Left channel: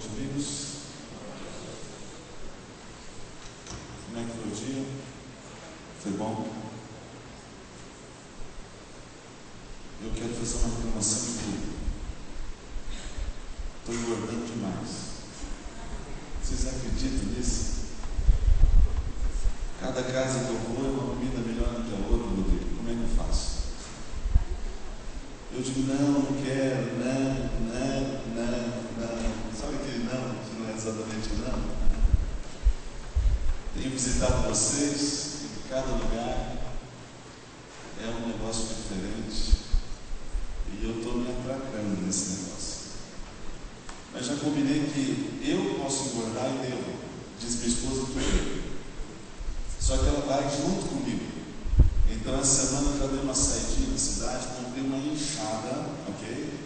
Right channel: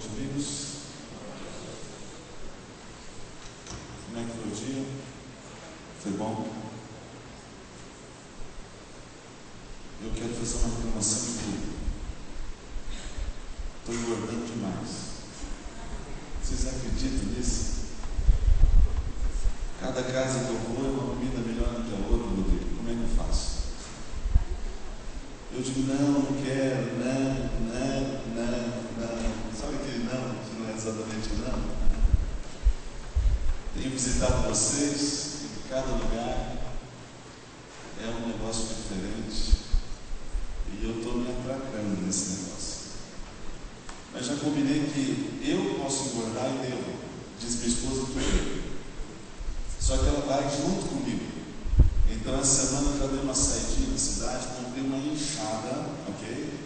noite, amigos. Como é que foi o dia? Foi bom? Eu quero fazer uma reclamação de tudo. Estou engordando demais. Vocês acreditam nisso? Cada casa que eu vou é uma comida melhor do que a outra, Rodrigo. Como é que eu faço? Eu digo, não quero, não. Sabe aquele não, que não é exatamente não? Tenho visitado vocês em cada lugar, é um negócio diferente, e eu estou me atracando nesse negócio. Mas já combinei que eu posso engordar e devo, diz minha esposa, tudo. Só que ela vai junto comigo. Então essa semana eu já dei uma saidinha na cidade, comprei uma enxada, ok?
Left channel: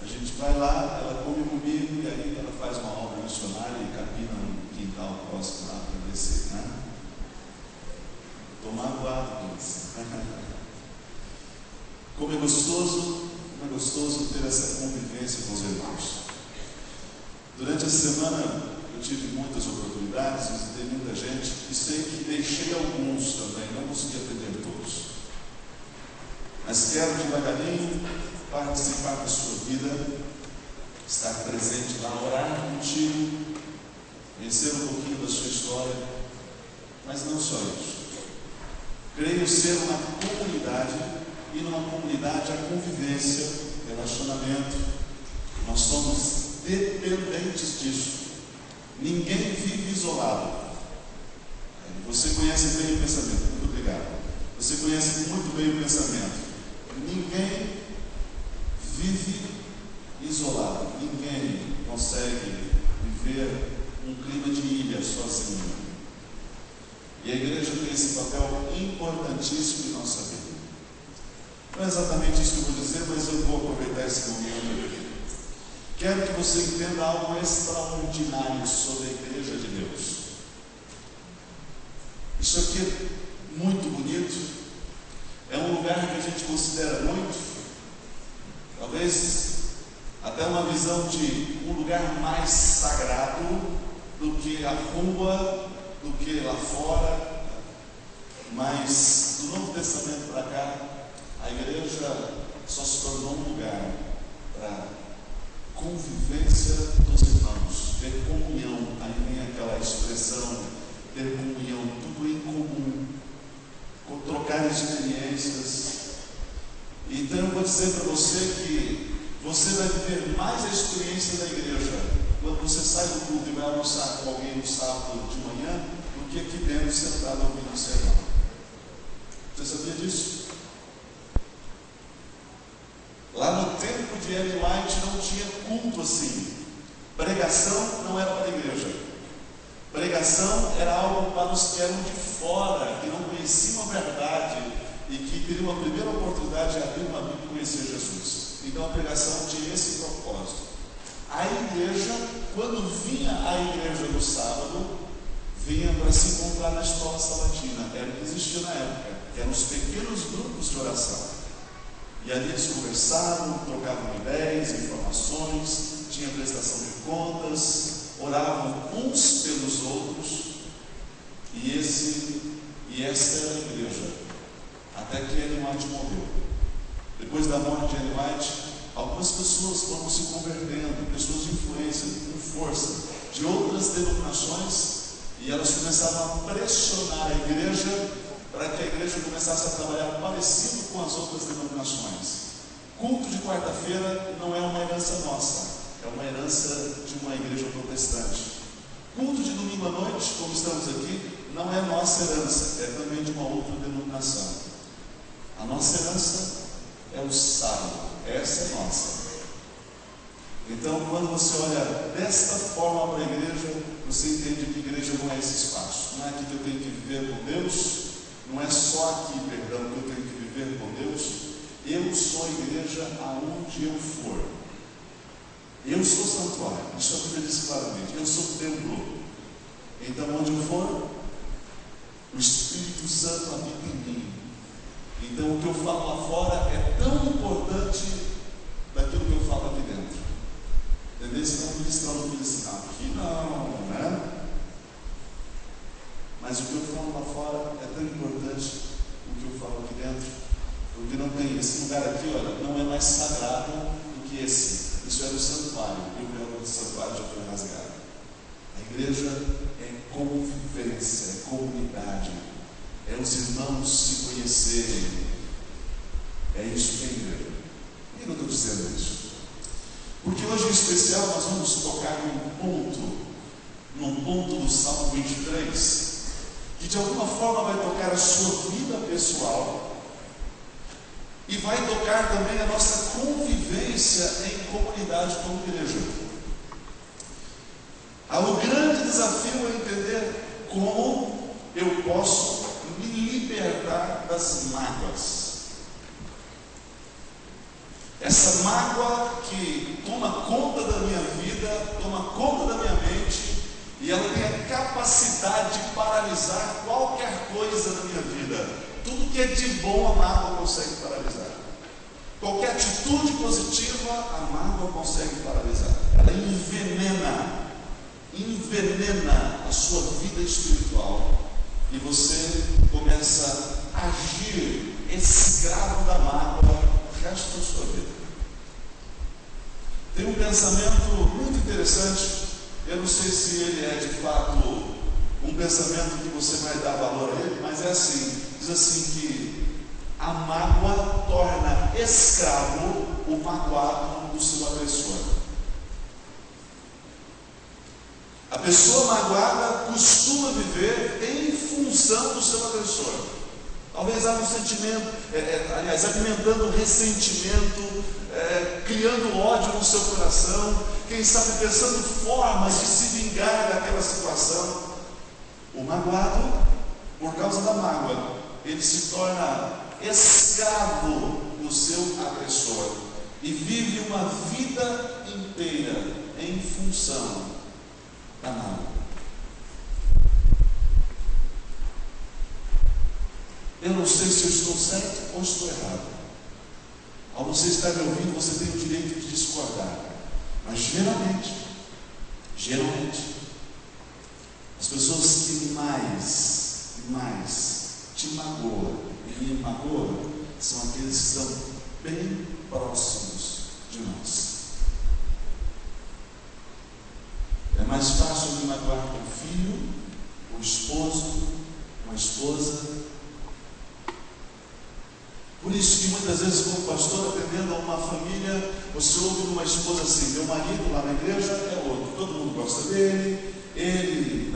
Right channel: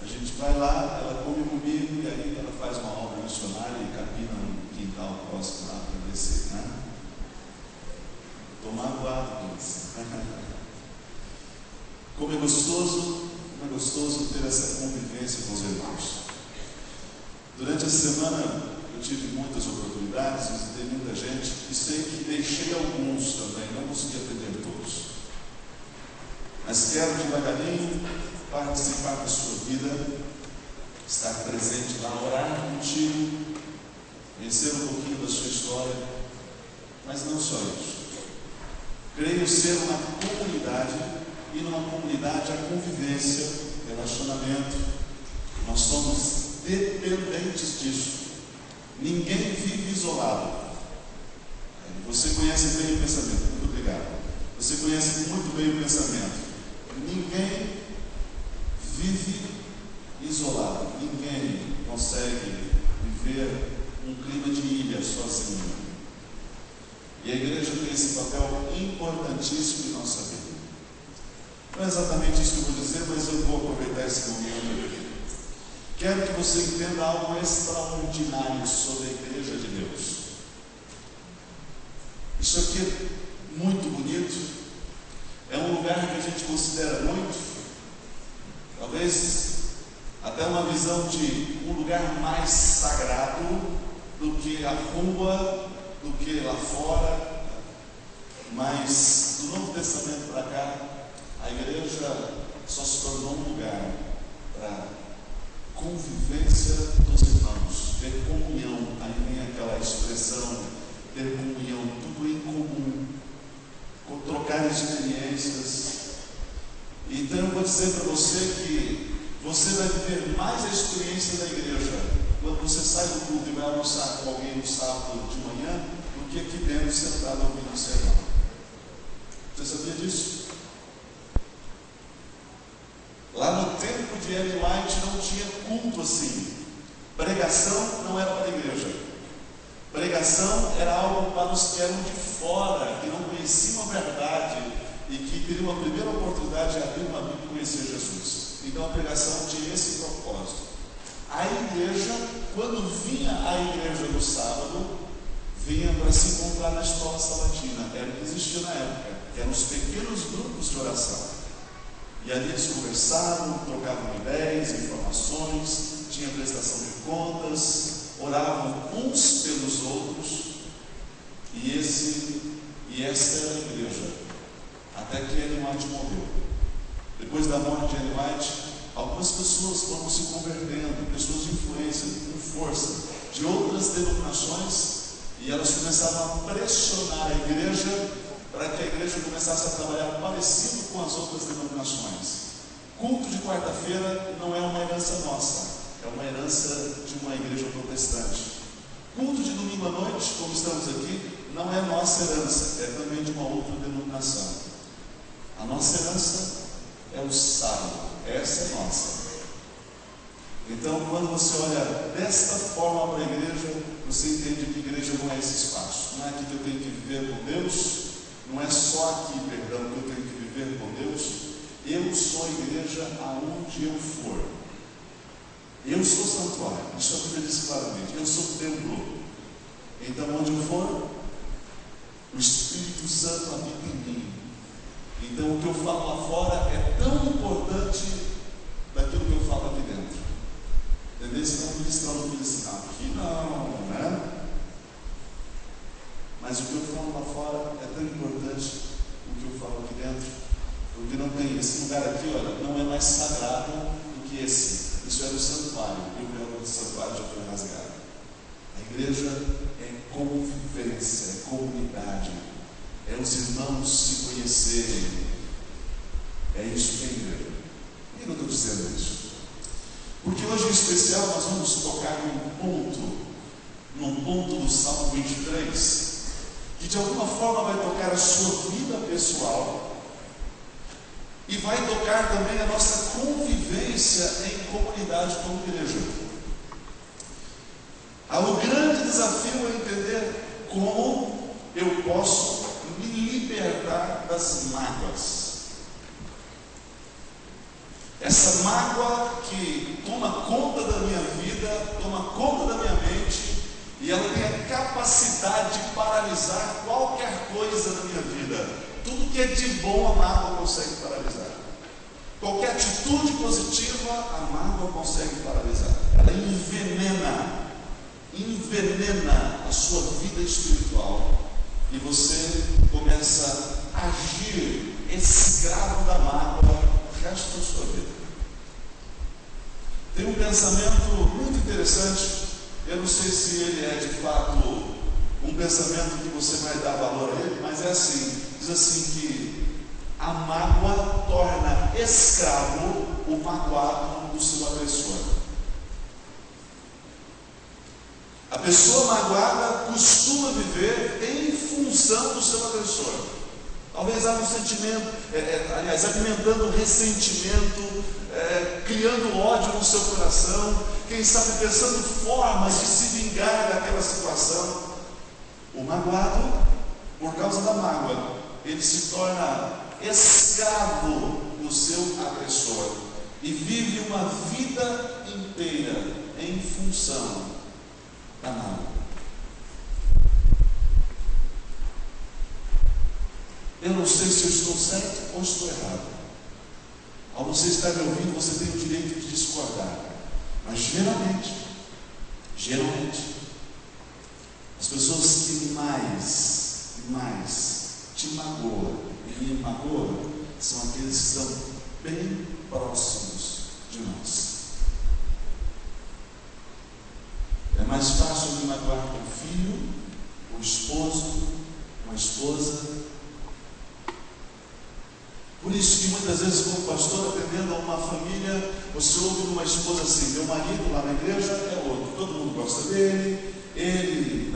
A gente vai lá, ela come comigo e aí ela faz uma obra missionária e capina no quintal próximo lá para descer, né? Estou magoado com isso. Como é gostoso ter essa convivência com os irmãos. Durante a semana eu tive muitas oportunidades, visitei muita gente e sei que deixei alguns também, não consegui atender todos. Mas quero devagarinho participar da sua vida, estar presente lá, orar contigo, conhecer um pouquinho da sua história, mas não só isso. Creio ser uma comunidade, e numa comunidade a convivência, relacionamento, nós somos dependentes disso. Ninguém vive isolado. Você conhece bem o pensamento, muito obrigado. Você conhece muito bem o pensamento. Ninguém vive isolado. Ninguém consegue viver um clima de ilha sozinho. E a igreja tem esse papel importantíssimo em nossa vida. Não é exatamente isso que eu vou dizer, mas eu vou aproveitar esse momento aqui. Quero que você entenda algo extraordinário sobre a igreja de Deus. Isso aqui é muito bonito. É um lugar que a gente considera muito, talvez até uma visão de um lugar mais sagrado do que a rua, do que lá fora. Mas do Novo Testamento para cá, a igreja só se tornou um lugar para convivência dos irmãos, ter comunhão. Aí vem aquela expressão, ter comunhão, tudo em comum, trocar experiências. Então eu vou dizer para você que você vai viver mais a experiência da igreja quando você sai do culto e vai almoçar com alguém no sábado de manhã, do que aqui dentro sentado ouvindo o sermão. Você sabia disso? Lá no tempo de Ellen White não tinha culto assim. Pregação não era para a igreja. Pregação era algo para os que eram de fora, que não conheciam a verdade e que teriam a primeira oportunidade de abrir uma Bíblia e conhecer Jesus. Então a pregação tinha esse propósito. A igreja, quando vinha a igreja no sábado, vinha para se encontrar na escola sabatina. Era o que existia na época, que eram os pequenos grupos de oração. E ali eles conversavam, trocavam ideias, informações, tinha prestação de contas, oravam uns pelos outros, e esta era a igreja, até que Ellen White morreu. Depois da morte de Ellen White, algumas pessoas foram se convertendo, pessoas de influência, com força, de outras denominações, e elas começaram a pressionar a igreja para que a igreja começasse a trabalhar parecido com as outras denominações. Culto de quarta-feira não é uma herança nossa, é uma herança de uma igreja protestante. Culto de domingo à noite, como estamos aqui, não é nossa herança, é também de uma outra denominação. A nossa herança é o sábado, essa é nossa. Então, quando você olha desta forma para a igreja, você entende que a igreja não é esse espaço. Não é aqui que eu tenho que viver com Deus, não é só aqui, perdão, que eu tenho que viver com Deus. Eu sou a igreja aonde eu for. Eu sou santuário, isso a Bíblia diz claramente. Eu sou templo. Então, onde eu for, o Espírito Santo habita em mim. Então, o que eu falo lá fora é tão importante daquilo que eu falo aqui dentro. Entendeu? Senão, ministrar no ensinado. Igreja é convivência, é comunidade, é os irmãos se conhecerem. É isso que é igreja. Por que eu estou dizendo isso? Porque hoje em especial nós vamos tocar num ponto do Salmo 23, que de alguma forma vai tocar a sua vida pessoal e vai tocar também a nossa convivência em comunidade como igreja. O grande desafio é entender como eu posso me libertar das mágoas. Essa mágoa que toma conta da minha vida, toma conta da minha mente, e ela tem a capacidade de paralisar qualquer coisa na minha vida. Tudo que é de bom, a mágoa consegue paralisar. Qualquer atitude positiva, a mágoa consegue paralisar. Ela envenena a sua vida espiritual. E você começa a agir escravo da mágoa o resto da sua vida. Tem um pensamento muito interessante. Eu não sei se ele é de fato um pensamento que você vai dar valor a ele, mas é assim, diz assim que a mágoa torna escravo o magoado do seu agressor. A pessoa magoada costuma viver em função do seu agressor. Talvez há um sentimento, alimentando um ressentimento, criando ódio no seu coração, quem sabe pensando formas de se vingar daquela situação. O magoado, por causa da mágoa, ele se torna escravo do seu agressor e vive uma vida inteira em função da mágoa. Eu não sei se eu estou certo ou estou errado. Ao você estar me ouvindo, você tem o direito de discordar. Mas geralmente, as pessoas que mais te magoam e me magoam são aqueles que estão bem próximos de nós. É mais fácil me magoar com o filho, com o esposo, com a esposa. Por isso que muitas vezes, como pastor, atendendo a uma família, você ouve uma esposa assim: meu marido lá na igreja é outro, todo mundo gosta dele, ele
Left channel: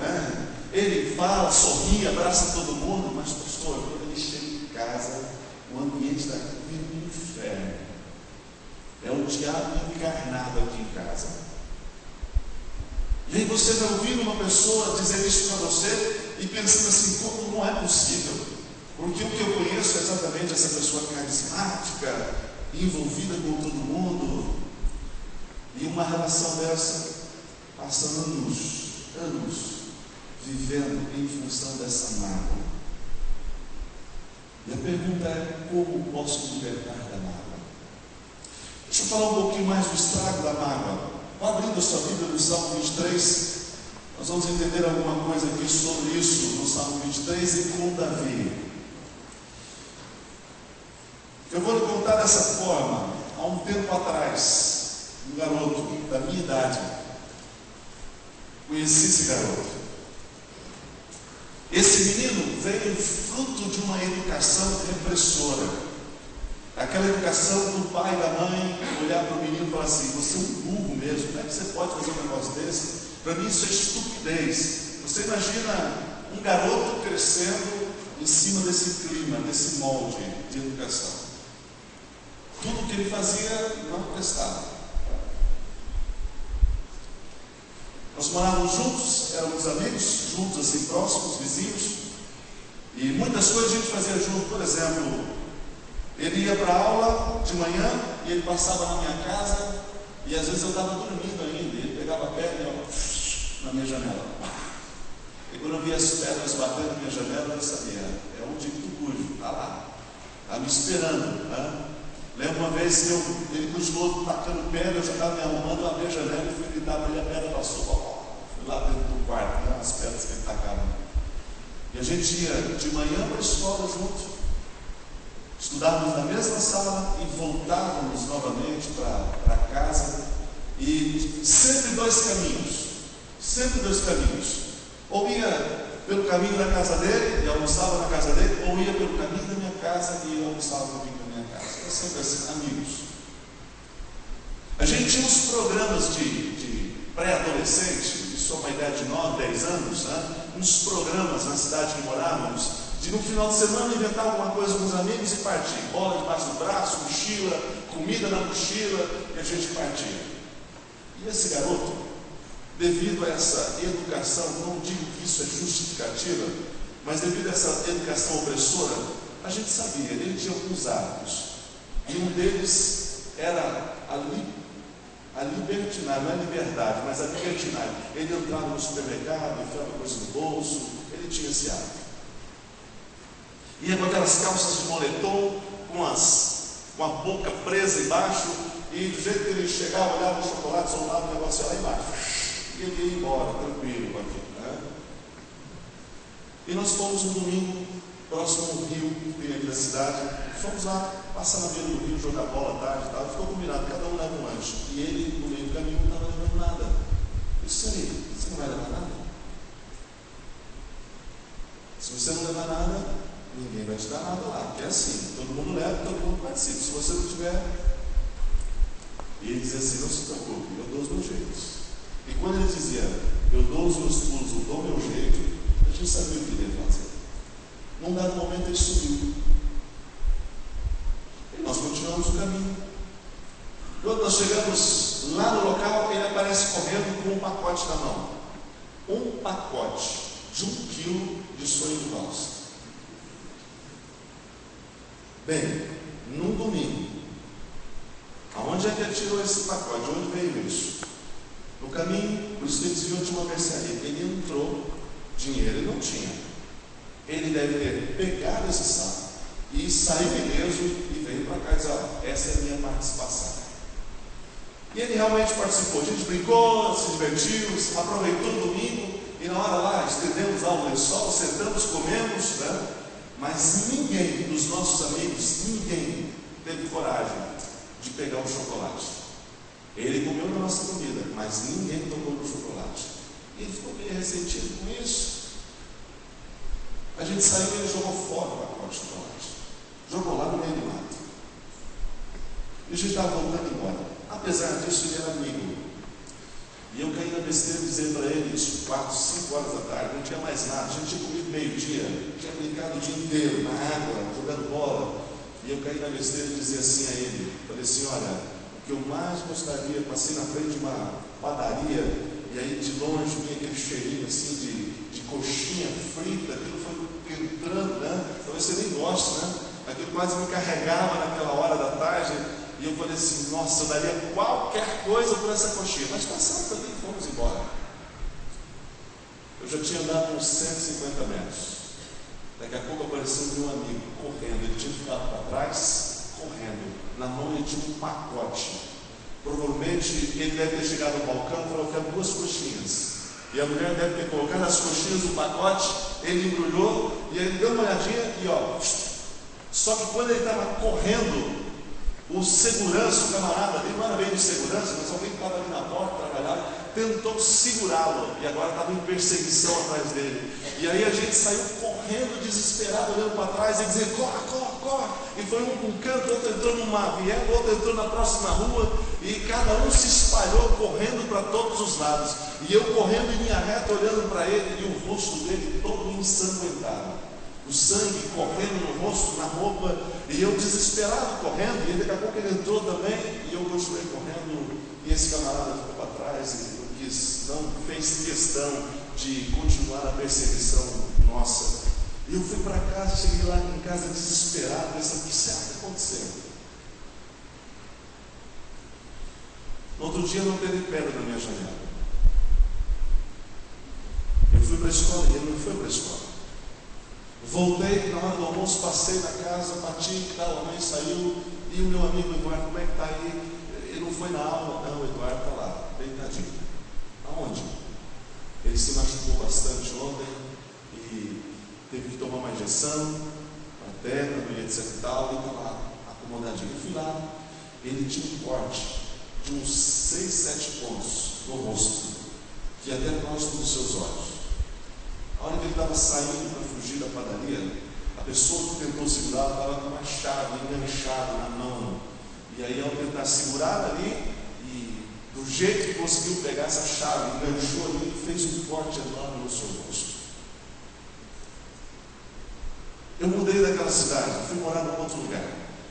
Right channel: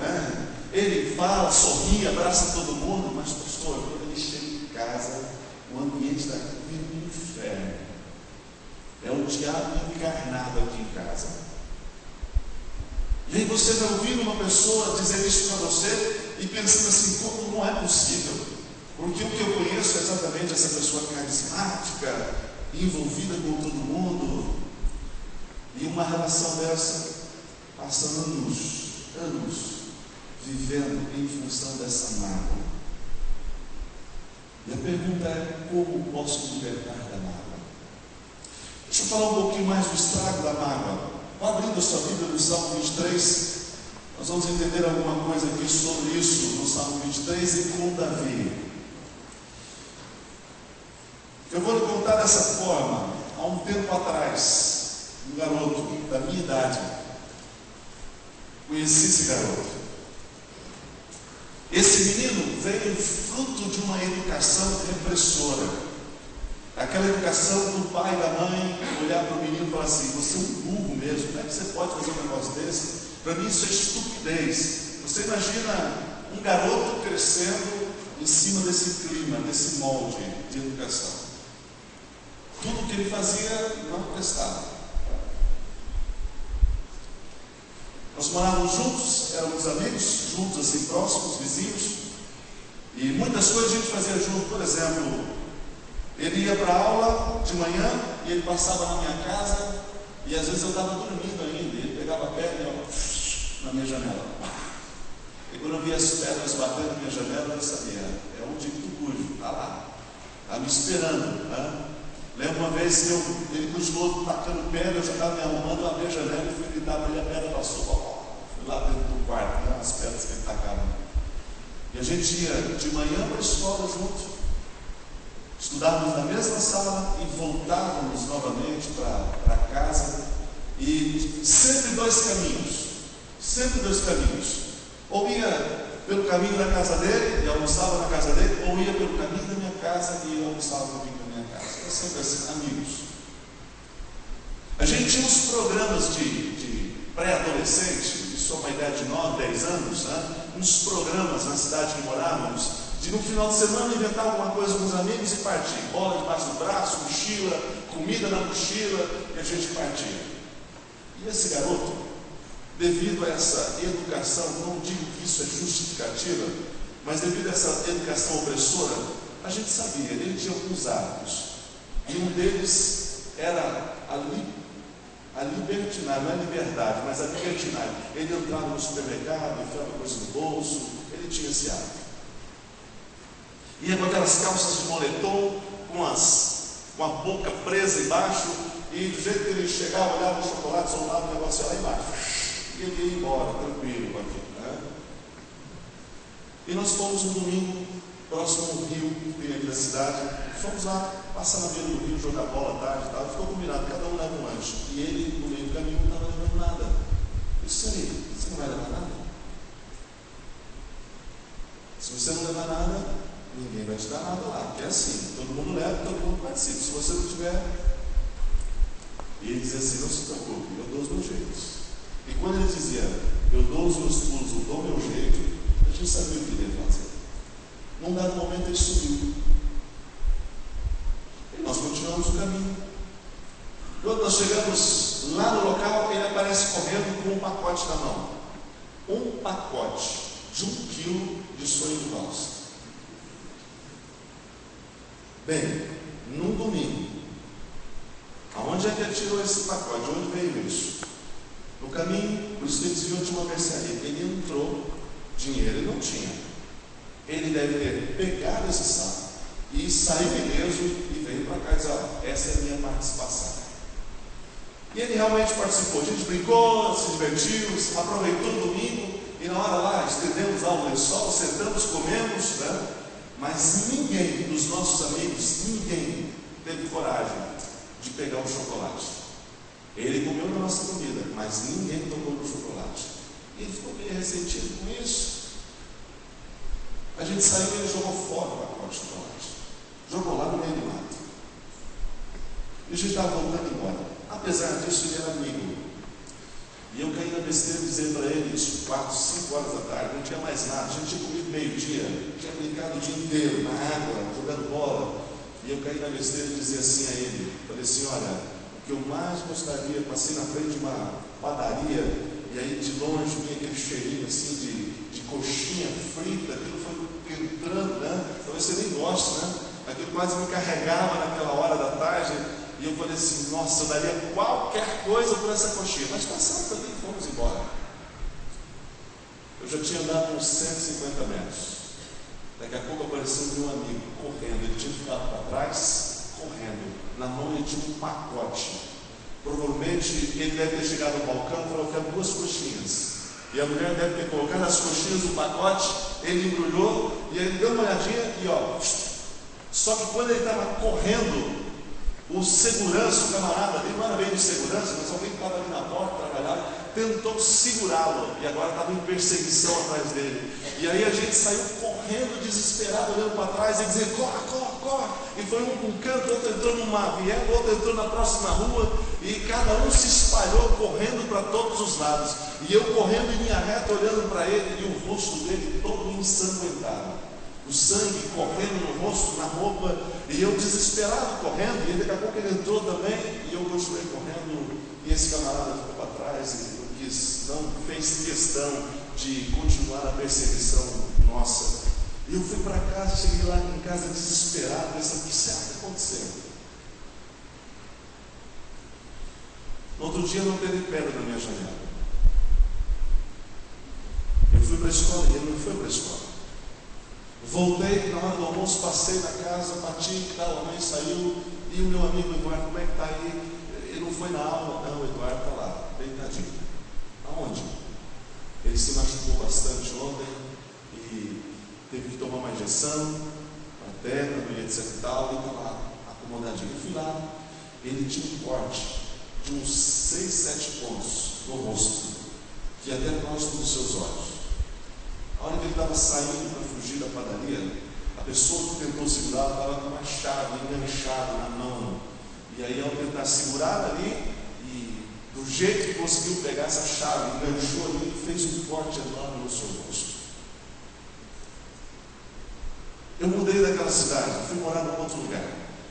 fala, sorri, abraça todo mundo, mas pastor, quando ele chega em casa, o ambiente da casa é um inferno. É o diabo encarnado aqui em casa. E aí você vai ouvindo uma pessoa dizer isso para você e pensando assim: como não é possível? Porque o que eu conheço é exatamente essa pessoa carismática, envolvida com todo mundo, e uma relação dessa passa anos vivendo em função dessa mágoa. E a pergunta é: como posso libertar da mágoa? Deixa eu falar um pouquinho mais do estrago da mágoa. Vá abrindo a sua Bíblia no Salmo 23, nós vamos entender alguma coisa aqui sobre isso no Salmo 23 e com Davi. Eu vou lhe contar dessa forma. Há um tempo atrás, um garoto da minha idade, conheci esse garoto. Esse menino veio fruto de uma educação repressora. Aquela educação do pai e da mãe olhar para o menino e falar assim: você é um burro mesmo, como é que você pode fazer um negócio desse? Para mim isso é estupidez. Você imagina um garoto crescendo em cima desse clima, desse molde de educação. Tudo que ele fazia não prestava. Nós morávamos juntos, éramos amigos, juntos assim, próximos, vizinhos, e muitas coisas a gente fazia junto. Por exemplo, ele ia para a aula de manhã e ele passava na minha casa, e às vezes eu estava dormindo ainda, e ele pegava a pedra e ia na minha janela. E quando eu via as pedras batendo na minha janela, eu sabia: é um tipo do cujo, está lá, está me esperando, né? Lembro uma vez que ele continuou tacando pedra, eu já estava me arrumando, abri a janela e fui gritar para ele, a pedra passou, fui lá dentro do quarto, né, as pedras que ele tacava. E a gente ia de manhã para a escola junto, estudávamos na mesma sala e voltávamos novamente para casa, e sempre dois caminhos. Sempre dois caminhos. Ou ia pelo caminho da casa dele e almoçava na casa dele, ou ia pelo caminho da minha casa e eu almoçava no caminho da minha casa. Era sempre assim, amigos. A gente tinha uns programas de pré-adolescente, isso é uma ideia de 9, 10 anos, né? Uns programas na cidade que morávamos, de no final de semana inventar alguma coisa com os amigos e partir. Bola debaixo do braço, mochila, comida na mochila, e a gente partia. E esse garoto, devido a essa educação, não digo que isso é justificativa, mas devido a essa educação opressora, a gente sabia, ele tinha alguns hábitos. E um deles era a libertinagem, não é liberdade, mas a libertinagem. Ele entrava no supermercado, enfiava coisa no bolso, ele tinha esse hábito. Ia com aquelas calças de moletom, com a boca presa embaixo, e do jeito que ele chegava, olhava o chocolate, soltava o negócio lá embaixo. E ele ia embora, tranquilo com aquilo, né? E nós fomos um domingo, próximo ao rio, que tem aqui da cidade, fomos lá, passar na beira do rio, jogar bola à tarde e tal, ficou combinado, cada um leva um lanche. E ele, no meio do caminho, não estava levando nada. Eu disse, aí, você não vai levar nada? Se você não levar nada, ninguém vai te dar nada lá, porque é assim, todo mundo leva, todo mundo participa. Se você não tiver, e ele dizia assim, não se preocupe, eu dou os meus jeitos. E quando ele dizia, eu dou os meus pulos, eu dou o meu jeito, a gente sabia o que ele ia fazer. Num dado momento ele subiu. E nós continuamos o caminho. Quando nós chegamos lá no local, ele aparece correndo com um pacote na mão. Um pacote de 1 quilo de sonho de valsa. Bem, num domingo, aonde é que ele tirou esse pacote? De onde veio isso? No caminho, por isso que ele desviou de uma mercearia. Ele entrou, dinheiro ele não tinha. Ele deve ter pegado esse saco e saiu ileso e veio para cá e disse, essa é a minha participação. E ele realmente participou. A gente brincou, se divertiu, aproveitou o domingo e na hora lá, estendemos lá o lençol, sentamos, comemos, né? Mas ninguém dos nossos amigos, ninguém teve coragem de pegar o chocolate. Ele comeu da nossa comida, mas ninguém tocou no chocolate. E ele ficou meio ressentido com isso. A gente saiu e ele jogou fora o pacote de chocolate. Jogou lá no meio do mato. E a gente estava voltando embora. Apesar disso, ele era amigo. E eu caí na besteira de dizer para ele, isso 4, 5 horas da tarde, não tinha mais nada. A gente tinha comido meio-dia, tinha brincado o dia inteiro na água, jogando bola. E eu caí na besteira de dizer assim a ele, falei assim, olha, o que eu mais gostaria, passei na frente de uma padaria, e aí de longe vinha aquele cheirinho assim de coxinha frita, aquilo foi entrando, né? Talvez você nem goste, né? Aquilo quase me carregava naquela hora da tarde, e eu falei assim, nossa, eu daria qualquer coisa por essa coxinha. Mas passamos ali e fomos embora. Eu já tinha andado uns 150 metros. Daqui a pouco apareceu meu amigo correndo, ele tinha ficado para trás, correndo. Na mão ele tinha um pacote. Provavelmente ele deve ter chegado no balcão e falou, eu quero 2 coxinhas. E a mulher deve ter colocado as coxinhas no pacote, ele embrulhou e ele deu uma olhadinha e ó. Só que quando ele estava correndo, o segurança, o camarada, ele não era bem de segurança, mas alguém que estava ali na porta, trabalhava, tentou segurá-lo e agora estava em perseguição atrás dele. E aí a gente saiu correndo, desesperado, olhando para trás e dizendo, corre, corre, corre. E foi um para um canto, outro entrou numa viela, outro entrou na próxima rua, e cada um se espalhou correndo para todos os lados. E eu correndo em linha reta, olhando para ele, e o rosto dele todo ensanguentado. O sangue correndo no rosto, na roupa, e eu desesperado correndo, e daqui a pouco ele entrou também, e eu continuei correndo, e esse camarada ficou para trás, e não fez questão de continuar a perseguição nossa. E eu fui para casa, cheguei lá em casa desesperado, pensando, o que será que aconteceu? No outro dia não teve pedra na minha janela. Eu fui para a escola e ele não foi para a escola. Voltei, na hora do almoço, passei na casa, bati e tal, a mãe saiu, e o meu amigo Eduardo, como é que está aí? Ele não foi na aula? Não, o Eduardo está lá, deitadinho. Aonde? Ele se machucou bastante ontem e teve que tomar uma injeção, uma perna, e etc e tal, e está lá, acomodadinho. Eu fui lá, ele tinha um corte de uns 6, 7 pontos no rosto. que até próximo dos seus olhos. A hora que ele estava saindo para fugir da padaria, a pessoa que tentou segurar estava com uma chave enganchada na mão. E aí, ao tentar segurar ali, e do jeito que conseguiu pegar essa chave, enganchou ali e fez um corte enorme no seu rosto. Eu mudei daquela cidade, fui morar em outro lugar.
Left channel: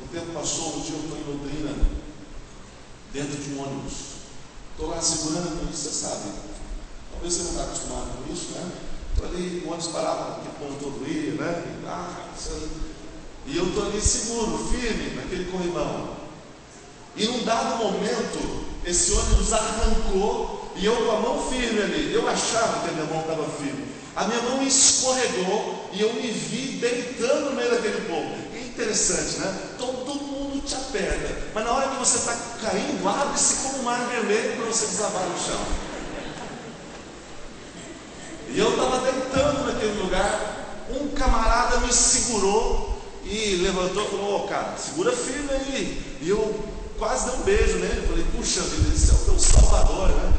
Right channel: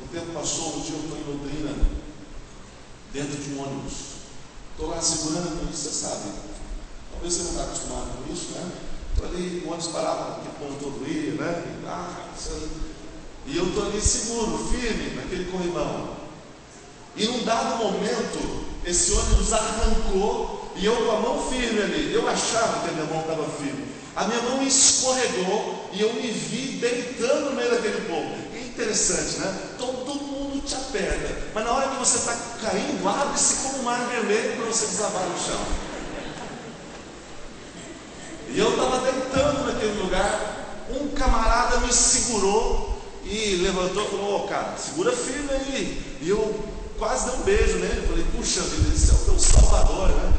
O tempo passou, um dia eu estou em Londrina, dentro de um ônibus. Estou lá segurando, você sabe, talvez você não está acostumado com isso, né? Estou ali, o ônibus parava, porque o povo todo ia, né? E eu estou ali seguro, firme, naquele corrimão. E num dado momento, esse ônibus arrancou, e eu com a mão firme ali, eu achava que a minha mão estava firme. A minha mão escorregou, e eu me vi deitando no meio daquele povo. É interessante, né? Todo mundo te aperta, mas na hora que você está caindo, abre-se como um mar vermelho para você desabar no chão. E eu estava deitando naquele lugar, um camarada me segurou e levantou e falou: "Ô, cara, segura firme aí." E eu quase dei um beijo nele, falei: "Puxa vida, esse é o teu salvador, né?"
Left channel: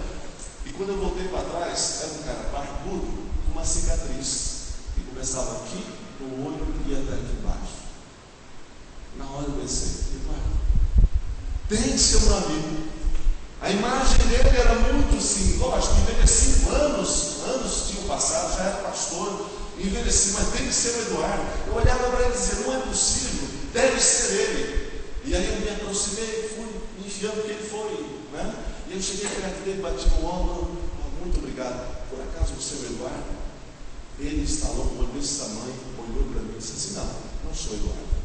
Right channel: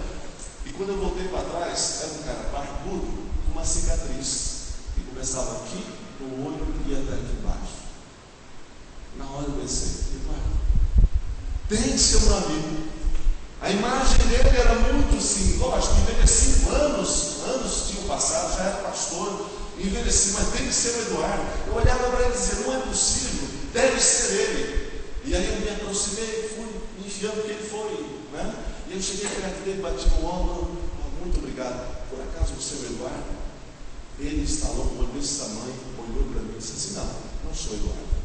E quando eu voltei para trás, era um cara barbudo, com uma cicatriz, que começava aqui, no olho e até aqui embaixo. Na hora eu pensei: Eduardo, tem que ser um amigo. A imagem dele era muito assim, lógico, envelheci, anos tinham passado, já era pastor, envelheci, mas tem que ser o Eduardo. Eu olhava para ele e dizia: "Não é possível, deve ser ele." E aí eu me aproximei, fui me enfiando que ele foi, né? E eu cheguei perto dele, bati no ombro: "Muito obrigado, por acaso você é o Eduardo?" Ele instalou um olho desse tamanho, olhou para mim e disse assim: não sou Eduardo.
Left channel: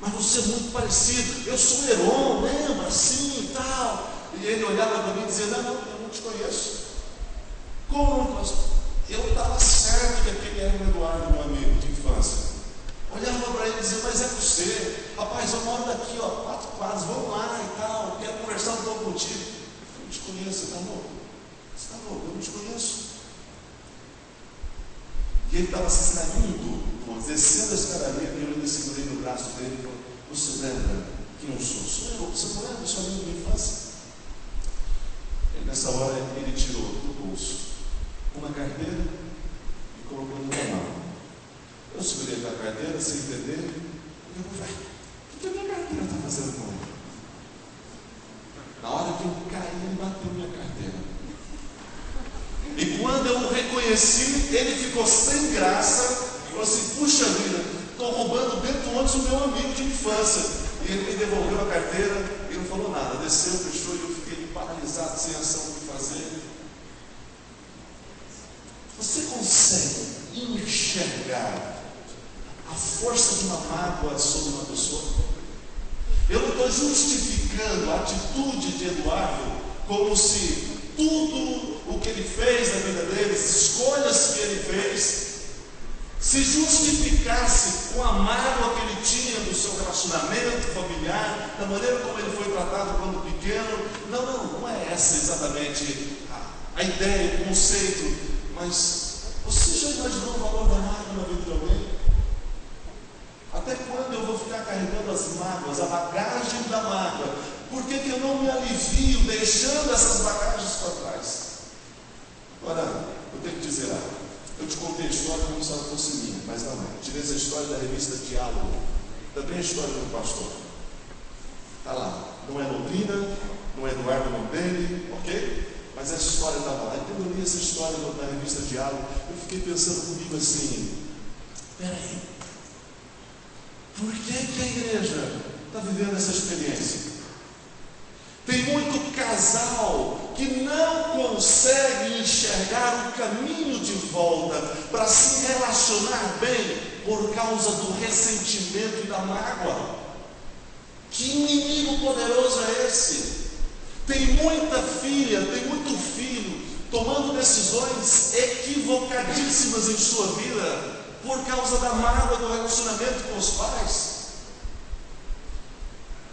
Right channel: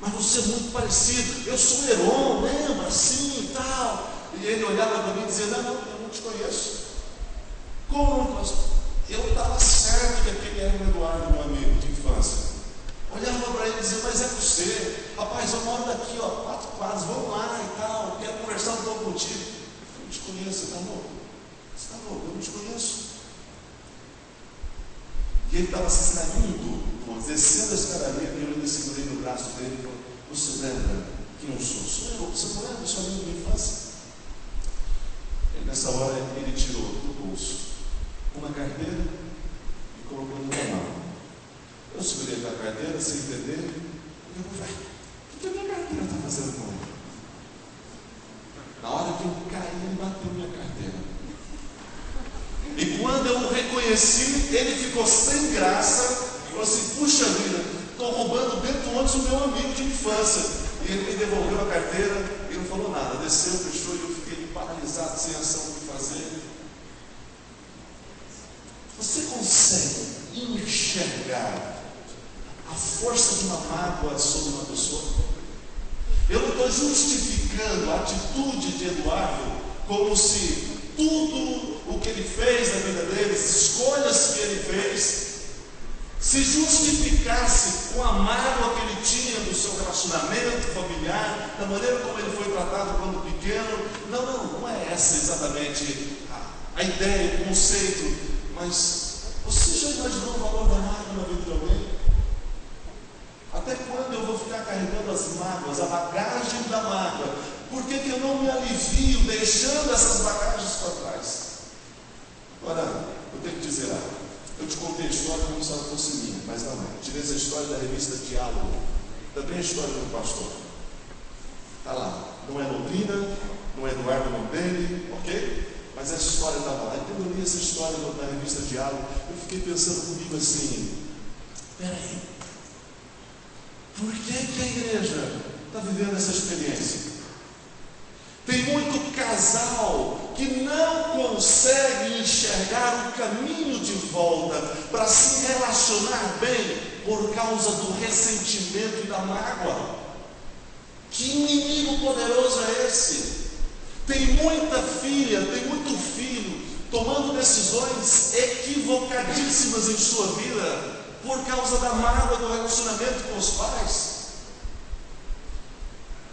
"Mas você é muito parecido, eu sou o Heron, lembra, assim e tal." E ele olhava para mim e dizia: não, eu não te conheço." "Como não conheço?" Eu estava certo que aquele era o Eduardo, meu amigo de infância. Olhava para ele e dizia: "Mas é você, rapaz, eu moro daqui, 4 quadras, vamos lá e tal, quero conversar um pouco contigo." "Eu não te conheço, você está louco? Você está louco, eu não te conheço." E ele estava se saindo, descendo a escadaria, e eu ainda segurei no braço dele e falei: "Você lembra quem eu sou?" "Sou eu." "Você não lembra? Sou amigo de infância." E nessa hora ele tirou do bolso uma carteira e colocou na minha mão. Eu segurei a carteira sem entender, e eu falei: "O que a minha carteira está fazendo com ele?" Na hora que eu caí, ele bateu minha carteira. E quando eu o reconheci, ele ficou sem graça, falou assim: "Puxa vida, estou roubando dentro do ônibus o meu amigo de infância." E ele me devolveu a carteira e não falou nada, desceu, fechou, e eu fiquei paralisado, sem ação o que fazer. Você consegue enxergar a força de uma mágoa sobre uma pessoa? Eu não estou justificando a atitude de Eduardo como se tudo o que ele fez na vida dele, as escolhas que ele fez, se justificasse com a mágoa que ele tinha do seu relacionamento familiar, da maneira como ele foi tratado quando pequeno. Não é essa exatamente a ideia, o conceito. Mas você já imaginou o valor da mágoa na vida de alguém? Até quando eu vou ficar carregando as mágoas, a bagagem da mágoa? Por que eu não me alivio deixando essas bagagens para trás? Agora, eu tenho que dizer algo. Eu te contei a história como se ela fosse minha, mas não é. Tirei essa história da revista Diálogo, também a história do pastor. Está lá. Não é Londrina, não é Eduardo o nome dele, ok? Mas essa história estava lá. Então eu li essa história na revista Diálogo, eu fiquei pensando comigo assim: peraí, por que a igreja está vivendo essa experiência? Tem muito casal que não consegue enxergar o caminho de volta para se relacionar bem por causa do ressentimento e da mágoa. Que inimigo poderoso é esse? Tem muita filha, tem muito filho tomando decisões equivocadíssimas em sua vida por causa da mágoa do relacionamento com os pais,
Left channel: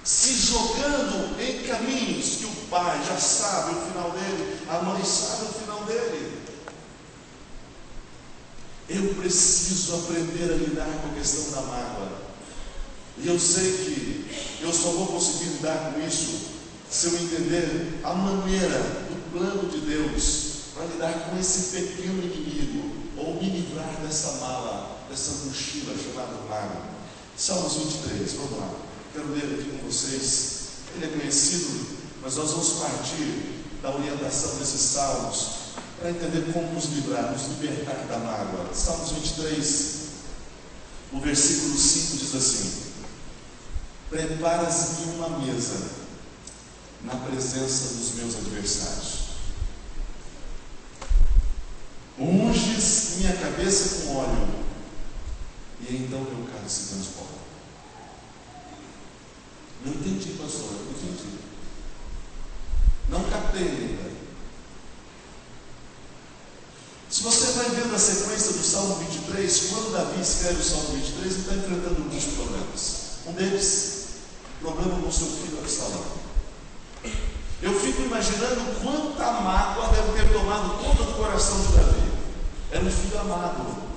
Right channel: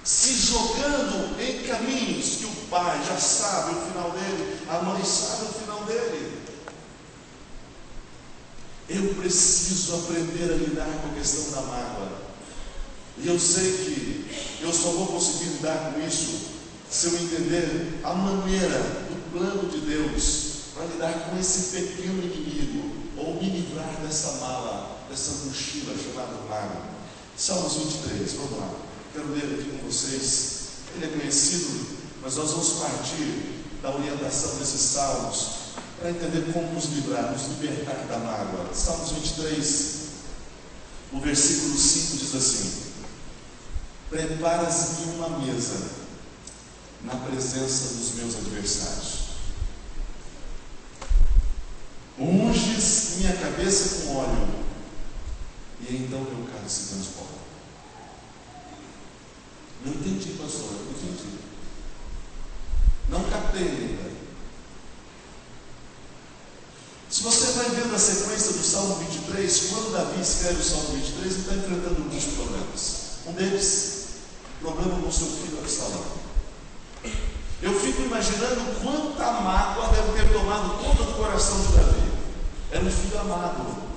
se jogando em caminhos que o pai já sabe o final dele, a mãe sabe o final dele. Eu preciso aprender a lidar com a questão da mágoa. E eu sei que eu só vou conseguir lidar com isso se eu entender a maneira do plano de Deus para lidar com esse pequeno inimigo, ou me livrar dessa mala, dessa mochila chamada mago. Salmos 23, vamos lá. Quero ler aqui com vocês. Ele é conhecido, mas nós vamos partir da orientação desses salmos para entender como nos livrar, nos libertar da mágoa. Salmos 23, o versículo 5 diz assim: preparas-me uma mesa na presença dos meus adversários, unges minha cabeça com óleo, e então meu cálice se transforma. Não entendi, pastor, não entendi. Não captei ainda. Se você vai vendo a sequência do Salmo 23, quando Davi escreve o Salmo 23, ele está enfrentando muitos problemas. Um deles, problema com seu filho Absalão. Eu fico imaginando quanta mágoa deve ter tomado conta do coração de Davi. Era um filho amado.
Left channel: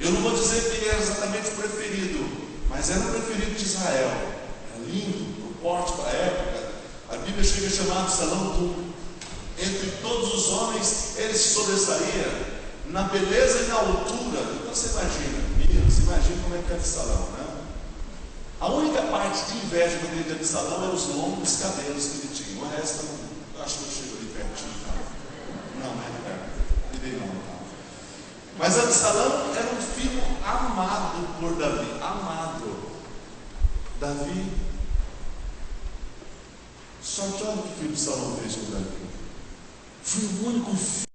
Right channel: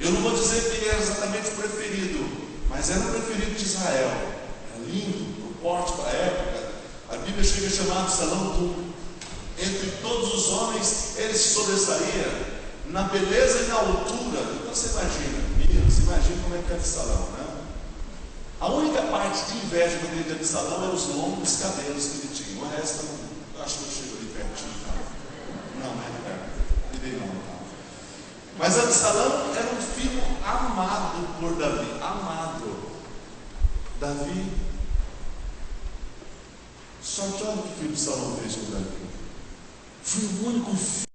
Eu não vou dizer que ele era exatamente o preferido, mas era o preferido de Israel. Era lindo, o porte para a época. A Bíblia chega a chamar Absalão de entre todos os homens, ele se sobressaía na beleza e na altura. Então você imagina como é que é Absalão, né? A única parte de inveja que eu tenho de Absalão eram os longos cabelos que ele tinha. O resto, eu acho que eu chego ali pertinho. Não, não é perto. Não. Mas Absalão era um filho amado por Davi. Amado. Davi. Só que olha o que Absalão fez com Davi. Foi o único filho.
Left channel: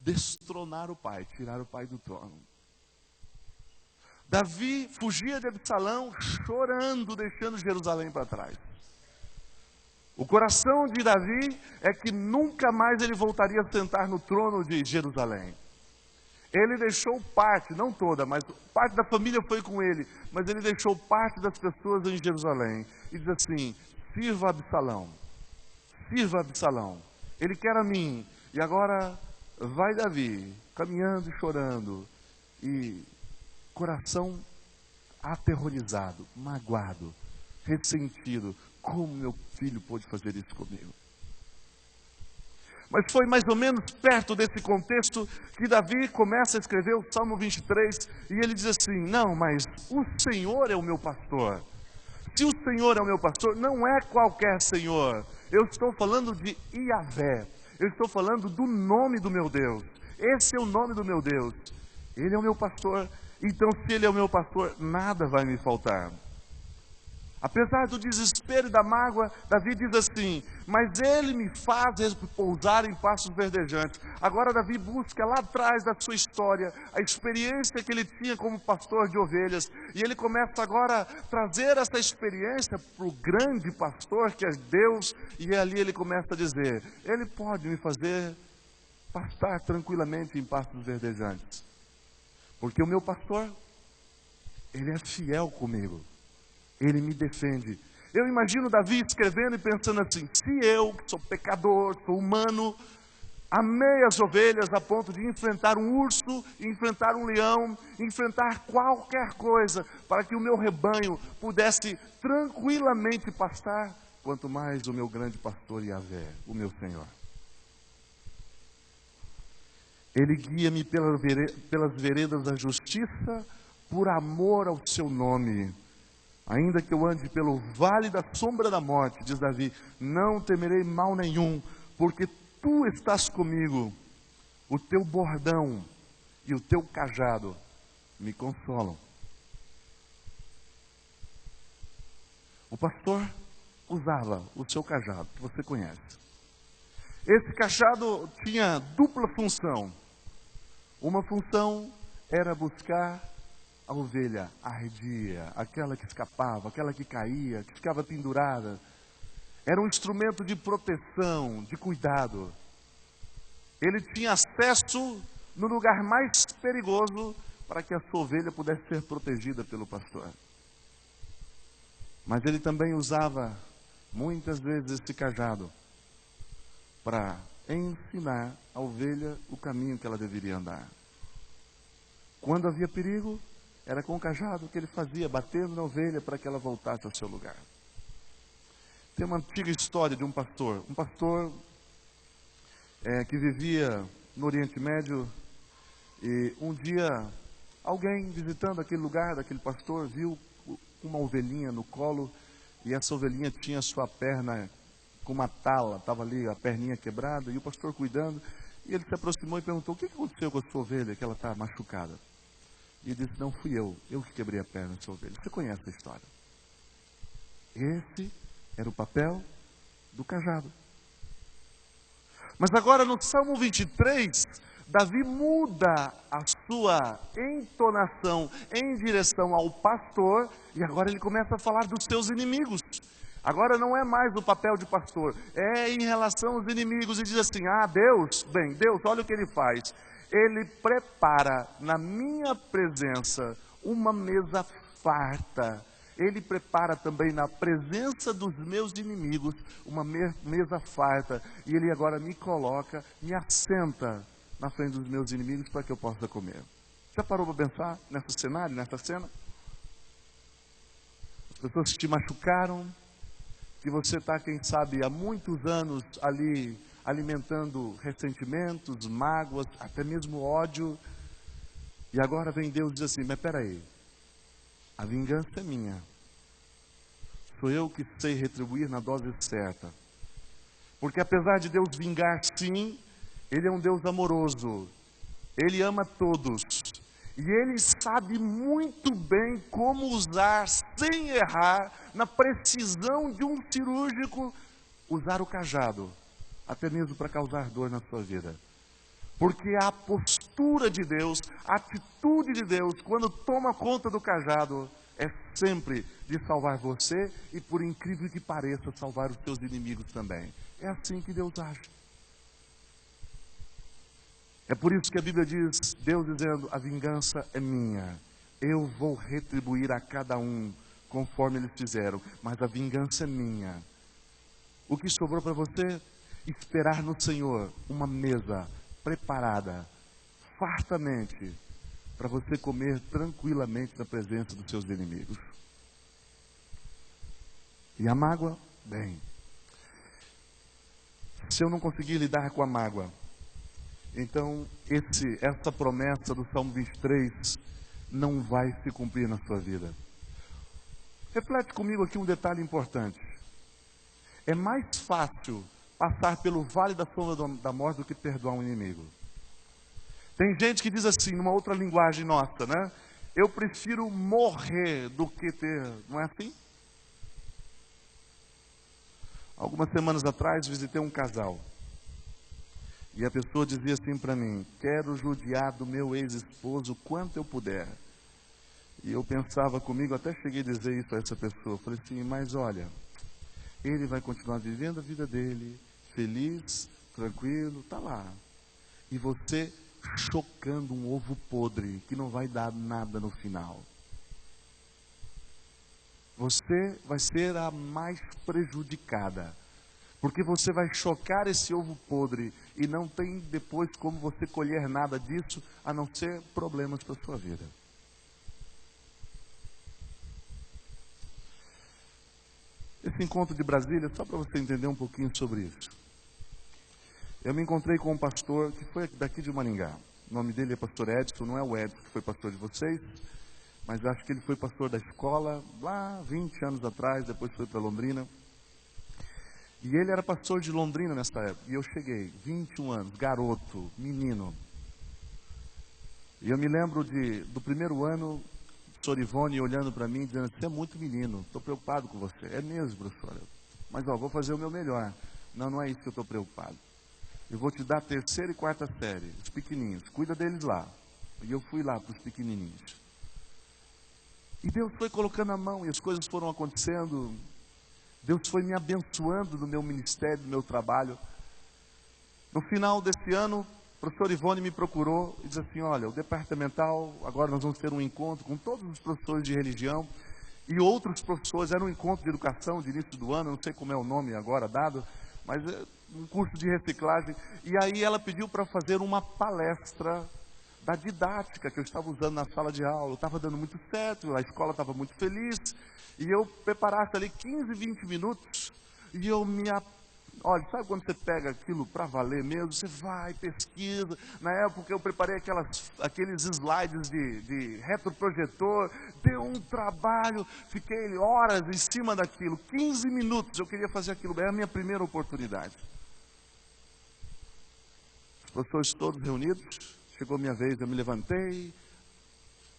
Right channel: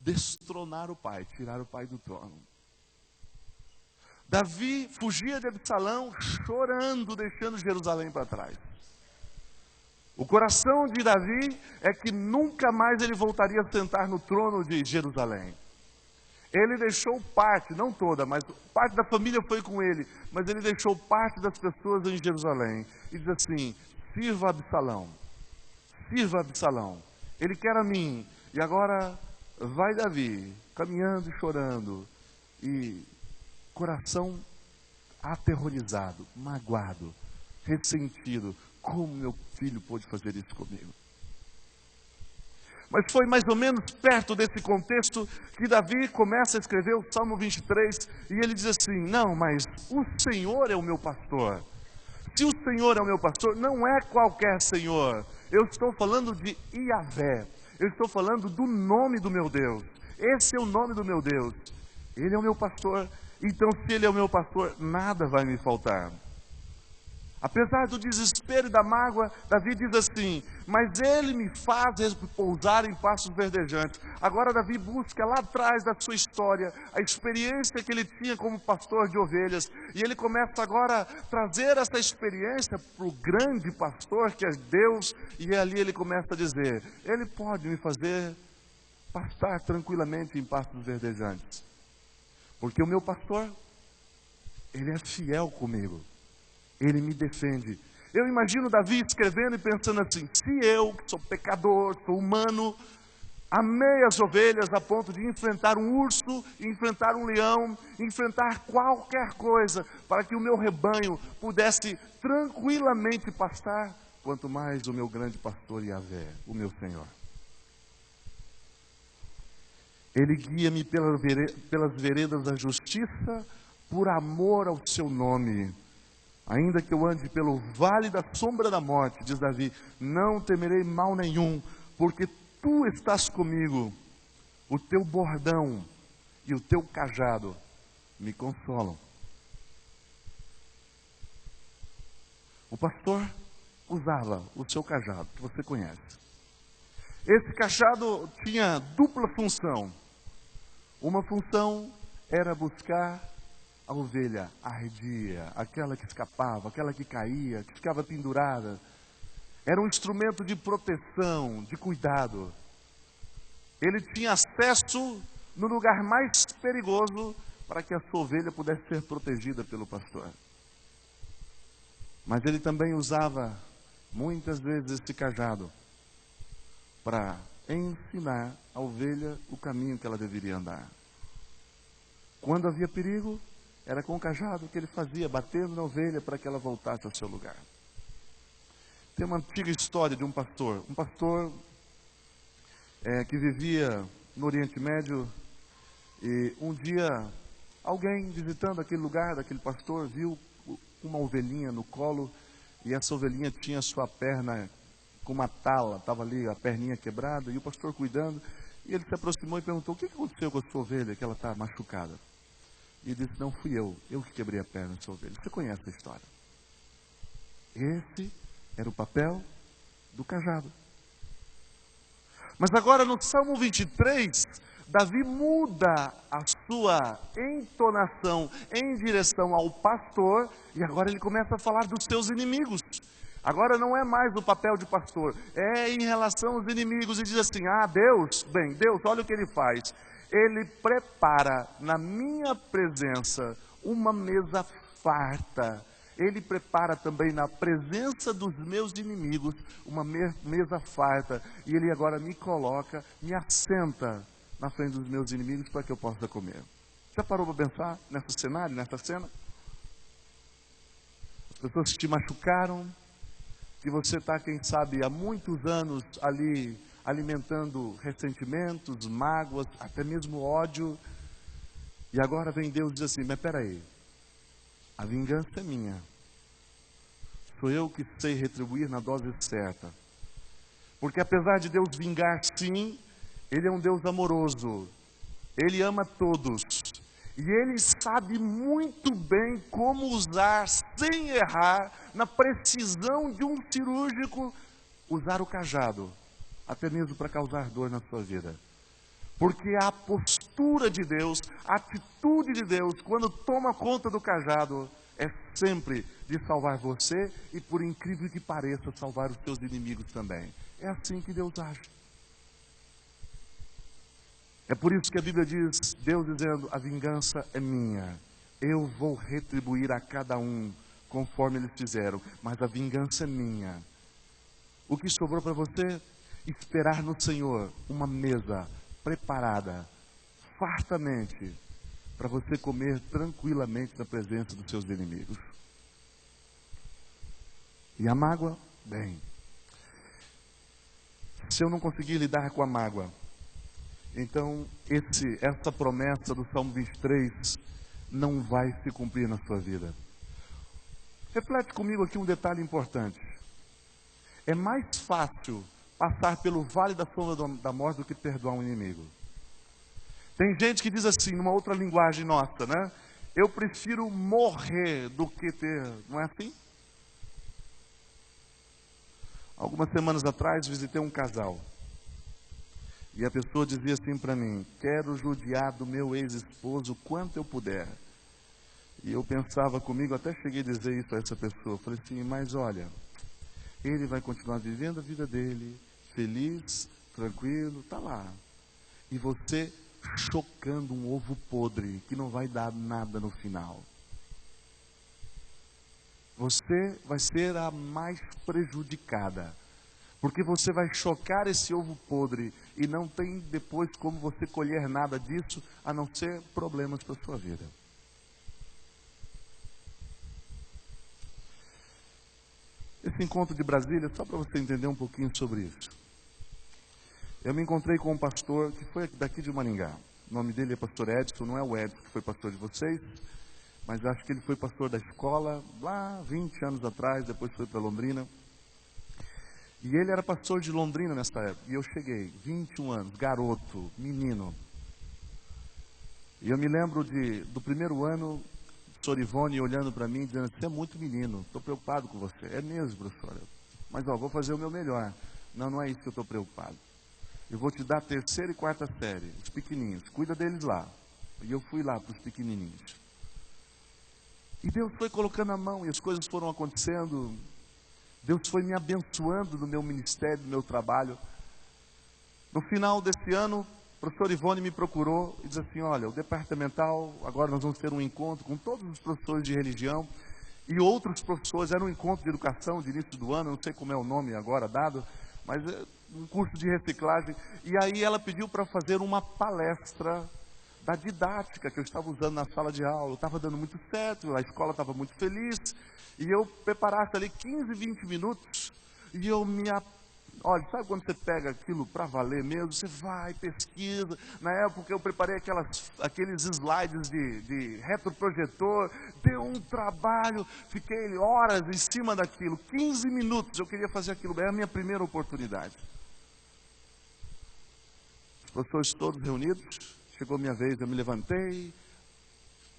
Destronar o pai, tirar o pai do trono. Davi fugia de Absalão chorando, deixando Jerusalém para trás. O coração de Davi é que nunca mais ele voltaria a sentar no trono de Jerusalém. Ele deixou parte, não toda, mas parte da família foi com ele, mas ele deixou parte das pessoas em Jerusalém. E diz assim: sirva Absalão, sirva Absalão, ele quer a mim. E agora vai Davi, caminhando e chorando, e coração aterrorizado, magoado, ressentido. Como meu filho pôde fazer isso comigo? Mas foi mais ou menos perto desse contexto que Davi começa a escrever o Salmo 23, e ele diz assim: não, mas o Senhor é o meu pastor. Se o Senhor é o meu pastor, não é qualquer Senhor. Eu estou falando de Iavé. Eu estou falando do nome do meu Deus. Esse é o nome do meu Deus. Ele é o meu pastor. Então, se Ele é o meu pastor, nada vai me faltar. Apesar do desespero e da mágoa, Davi diz assim: mas Ele me faz repousar em pastos verdejantes. Agora Davi busca lá atrás da sua história, a experiência que ele tinha como pastor de ovelhas. E ele começa agora a trazer essa experiência para o grande pastor que é Deus. E ali ele começa a dizer: Ele pode me fazer pastar tranquilamente em pastos verdejantes. Porque o meu pastor, Ele é fiel comigo. Ele me defende. Eu imagino Davi escrevendo e pensando assim: se eu, que sou pecador, sou humano, amei as ovelhas a ponto de enfrentar um urso, enfrentar um leão, enfrentar qualquer coisa, para que o meu rebanho pudesse tranquilamente pastar, quanto mais o meu grande pastor Iavé, o meu Senhor. Ele guia-me pelas veredas da justiça, por amor ao seu nome. Ainda que eu ande pelo vale da sombra da morte, diz Davi, não temerei mal nenhum, porque tu estás comigo. O teu bordão e o teu cajado me consolam. O pastor usava o seu cajado, que você conhece. Esse cajado tinha dupla função. Uma função era buscar a ovelha arredia, aquela que escapava, aquela que caía, que ficava pendurada. Era um instrumento de proteção, de cuidado. Ele tinha acesso no lugar mais perigoso para que a sua ovelha pudesse ser protegida pelo pastor. Mas ele também usava muitas vezes esse cajado para ensinar a ovelha o caminho que ela deveria andar. Quando havia perigo, Era com o cajado que ele fazia, batendo na ovelha para que ela voltasse ao seu lugar. Tem uma antiga história de um pastor que vivia no Oriente Médio, e um dia alguém visitando aquele lugar daquele pastor viu uma ovelhinha no colo, e essa ovelhinha tinha sua perna com uma tala, estava ali a perninha quebrada, e o pastor cuidando, e ele se aproximou e perguntou: o que aconteceu com a sua ovelha, que ela está machucada? E ele disse: não fui eu que quebrei a perna da sua ovelha. Você conhece a história? Esse era o papel do cajado. Mas agora no Salmo 23, Davi muda a sua entonação em direção ao pastor, e agora ele começa a falar dos seus inimigos. Agora não é mais o papel de pastor, é em relação aos inimigos, e diz assim: Deus, olha o que ele faz. Ele prepara na minha presença uma mesa farta. Ele prepara também na presença dos meus inimigos uma mesa farta. E ele agora me coloca, me assenta na frente dos meus inimigos para que eu possa comer. Já parou para pensar nesse cenário, nessa cena? As pessoas que te machucaram, que você está, quem sabe, há muitos anos ali alimentando ressentimentos, mágoas, até mesmo ódio. E agora vem Deus e diz assim: mas peraí, a vingança é minha. Sou eu que sei retribuir na dose certa. Porque apesar de Deus vingar, sim, Ele é um Deus amoroso. Ele ama todos. E Ele sabe muito bem como usar, sem errar, na precisão de um cirúrgico, usar o cajado, até mesmo para causar dor na sua vida. Porque a postura de Deus, a atitude de Deus, quando toma conta do cajado, é sempre de salvar você e, por incrível que pareça, salvar os seus inimigos também. É assim que Deus age. É por isso que a Bíblia diz, Deus dizendo: a vingança é minha, eu vou retribuir a cada um conforme eles fizeram, mas a vingança é minha. O que sobrou para você? Esperar no Senhor uma mesa preparada, fartamente, para você comer tranquilamente na presença dos seus inimigos. E a mágoa? Bem, se eu não conseguir lidar com a mágoa, então essa promessa do Salmo 23 não vai se cumprir na sua vida. Reflete comigo aqui um detalhe importante. É mais fácil passar pelo vale da sombra da morte do que perdoar um inimigo. Tem gente que diz assim, numa outra linguagem nossa, né? Eu prefiro morrer do que ter... Não é assim? Algumas semanas atrás visitei um casal. E a pessoa dizia assim para mim: quero judiar do meu ex-esposo quanto eu puder. E eu pensava comigo, até cheguei a dizer isso a essa pessoa. Eu falei assim: mas olha, ele vai continuar vivendo a vida dele, feliz, tranquilo, tá lá. E você chocando um ovo podre, que não vai dar nada no final. Você vai ser a mais prejudicada. Porque você vai chocar esse ovo podre e não tem depois como você colher nada disso, a não ser problemas para a sua vida. Esse encontro de Brasília, só para você entender um pouquinho sobre isso. Eu me encontrei com um pastor que foi daqui de Maringá. O nome dele é pastor Edson, não é o Edson que foi pastor de vocês, mas acho que ele foi pastor da escola lá 20 anos atrás, depois foi para Londrina. E ele era pastor de Londrina nessa época. E eu cheguei, 21 anos, garoto, menino. E eu me lembro do primeiro ano, o professor Ivone olhando para mim, dizendo: você é muito menino, estou preocupado com você. É mesmo, professora. Mas vou fazer o meu melhor. Não, não é isso que eu estou preocupado. Eu vou te dar a 3ª e 4ª série, os pequenininhos. Cuida deles lá. E eu fui lá para os pequenininhos. E Deus foi colocando a mão e as coisas foram acontecendo. Deus foi me abençoando no meu ministério, no meu trabalho. No final desse ano, o professor Ivone me procurou e disse assim: olha, o departamental, agora nós vamos ter um encontro com todos os professores de religião e outros professores. Era um encontro de educação de início do ano, não sei como é o nome agora dado, mas é um curso de reciclagem. E aí ela pediu para fazer uma palestra da didática que eu estava usando na sala de aula. Estava dando muito certo, a escola estava muito feliz, e eu preparasse ali 15, 20 minutos, e eu olha, sabe quando você pega aquilo para valer mesmo? Você vai, pesquisa. Na época eu preparei aqueles slides de retroprojetor, deu um trabalho, fiquei horas em cima daquilo, 15 minutos, eu queria fazer aquilo, é a minha primeira oportunidade. Os professores todos reunidos, chegou a minha vez, eu me levantei,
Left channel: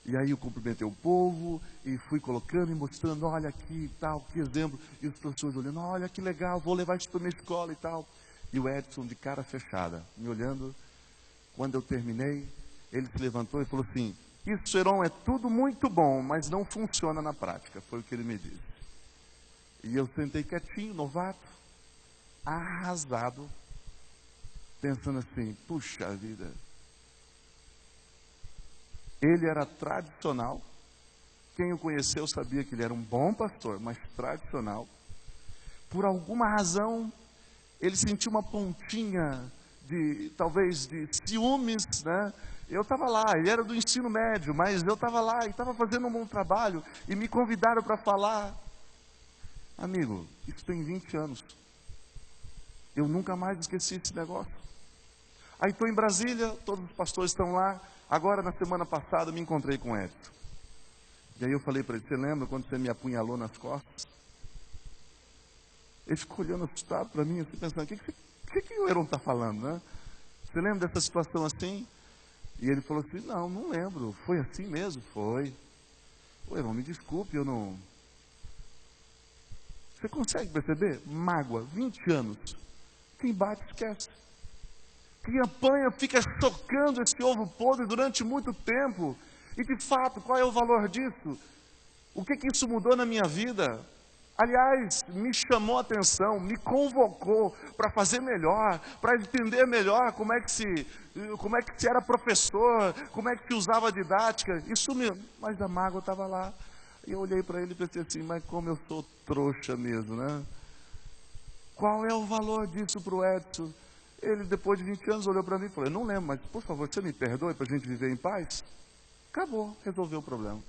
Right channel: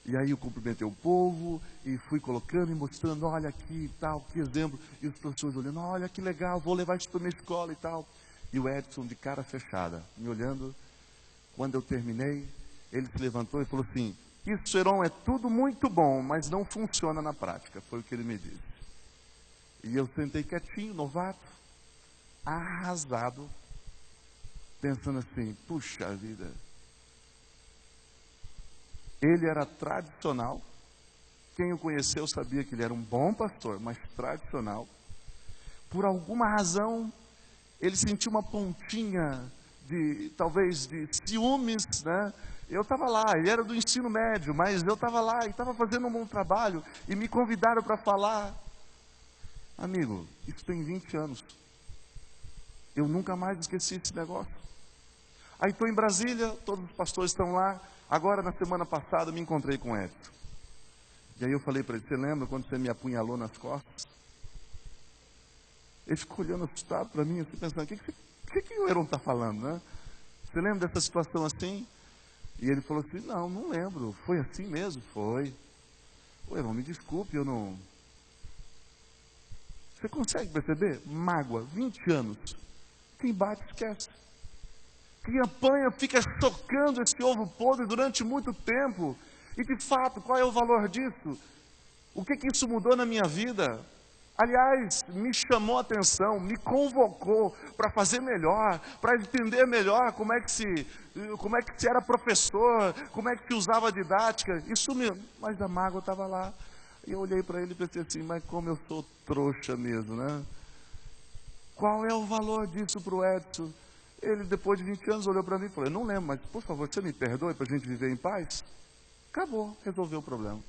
e aí eu cumprimentei o povo, e fui colocando e mostrando, olha aqui e tal, que exemplo. E os professores olhando, olha que legal, vou levar isso para a minha escola e tal. E o Edson de cara fechada, me olhando. Quando eu terminei, ele se levantou e falou assim, isso, Heron, é tudo muito bom, mas não funciona na prática. Foi o que ele me disse. E eu sentei quietinho, novato, arrasado, pensando assim, puxa vida. Ele era tradicional, quem o conheceu sabia que ele era um bom pastor, mas tradicional. Por alguma razão, ele sentiu uma pontinha talvez de ciúmes, né? Eu estava lá, ele era do ensino médio, mas eu estava lá e estava fazendo um bom trabalho, e me convidaram para falar. Amigo, isso tem 20 anos. Eu nunca mais esqueci esse negócio. Aí estou em Brasília, todos os pastores estão lá. Agora, na semana passada, eu me encontrei com o Edson. E aí eu falei para ele, você lembra quando você me apunhalou nas costas? Ele ficou olhando assustado para mim, assim, pensando, o que o Heron está falando, né? Você lembra dessa situação assim? E ele falou assim, não lembro. Foi assim mesmo? Foi. Ô, Heron, me desculpe, eu não... Você consegue perceber? Mágoa, 20 anos. Quem bate, esquece. Quem apanha fica chocando esse ovo podre durante muito tempo. E de fato, qual é o valor disso? O que isso mudou na minha vida? Aliás, me chamou a atenção, me convocou para fazer melhor, para entender melhor como é que se era professor, como é que se usava a didática. Isso mesmo, mas a mágoa estava lá. E eu olhei para ele e pensei assim, mas como eu sou trouxa mesmo, né? Qual é o valor disso para o Edson? Ele, depois de 20 anos, olhou para mim e falou, eu não lembro, mas por favor, você me perdoe para a gente viver em paz? Acabou, resolveu o problema.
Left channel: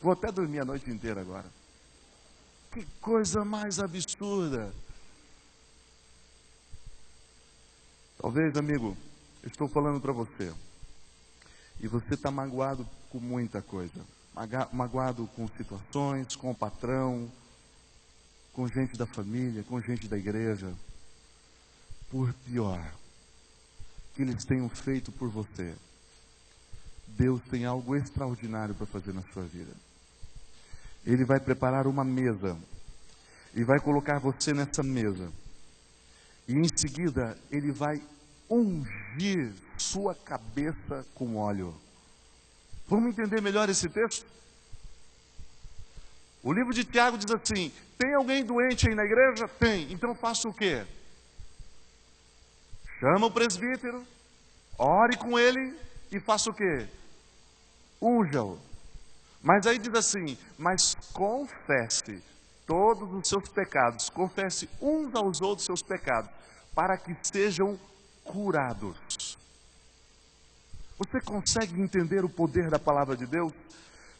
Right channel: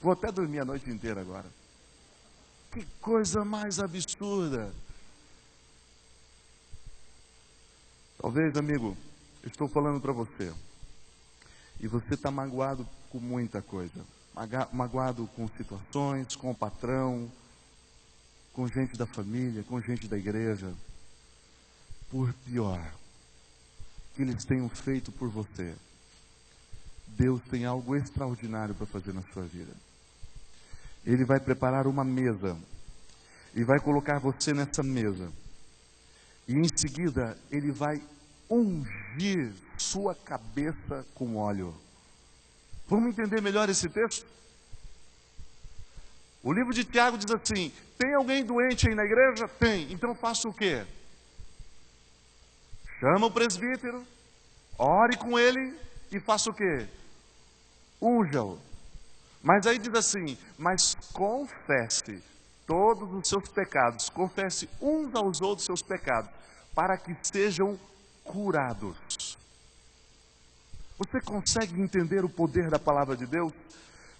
Vou até dormir a noite inteira agora. Que coisa mais absurda. Talvez, amigo, eu estou falando para você, e você está magoado com muita coisa. Magoado com situações, com o patrão, com gente da família, com gente da igreja. Por pior que eles tenham feito por você, Deus tem algo extraordinário para fazer na sua vida. Ele vai preparar uma mesa e vai colocar você nessa mesa. E em seguida, Ele vai ungir sua cabeça com óleo. Vamos entender melhor esse texto? O livro de Tiago diz assim, tem alguém doente aí na igreja? Tem. Então faça o quê? Chama o presbítero, ore com ele e faça o quê? Unja-o. Mas aí diz assim, mas confesse todos os seus pecados, confesse uns aos outros seus pecados, para que sejam curados. Você consegue entender o poder da palavra de Deus?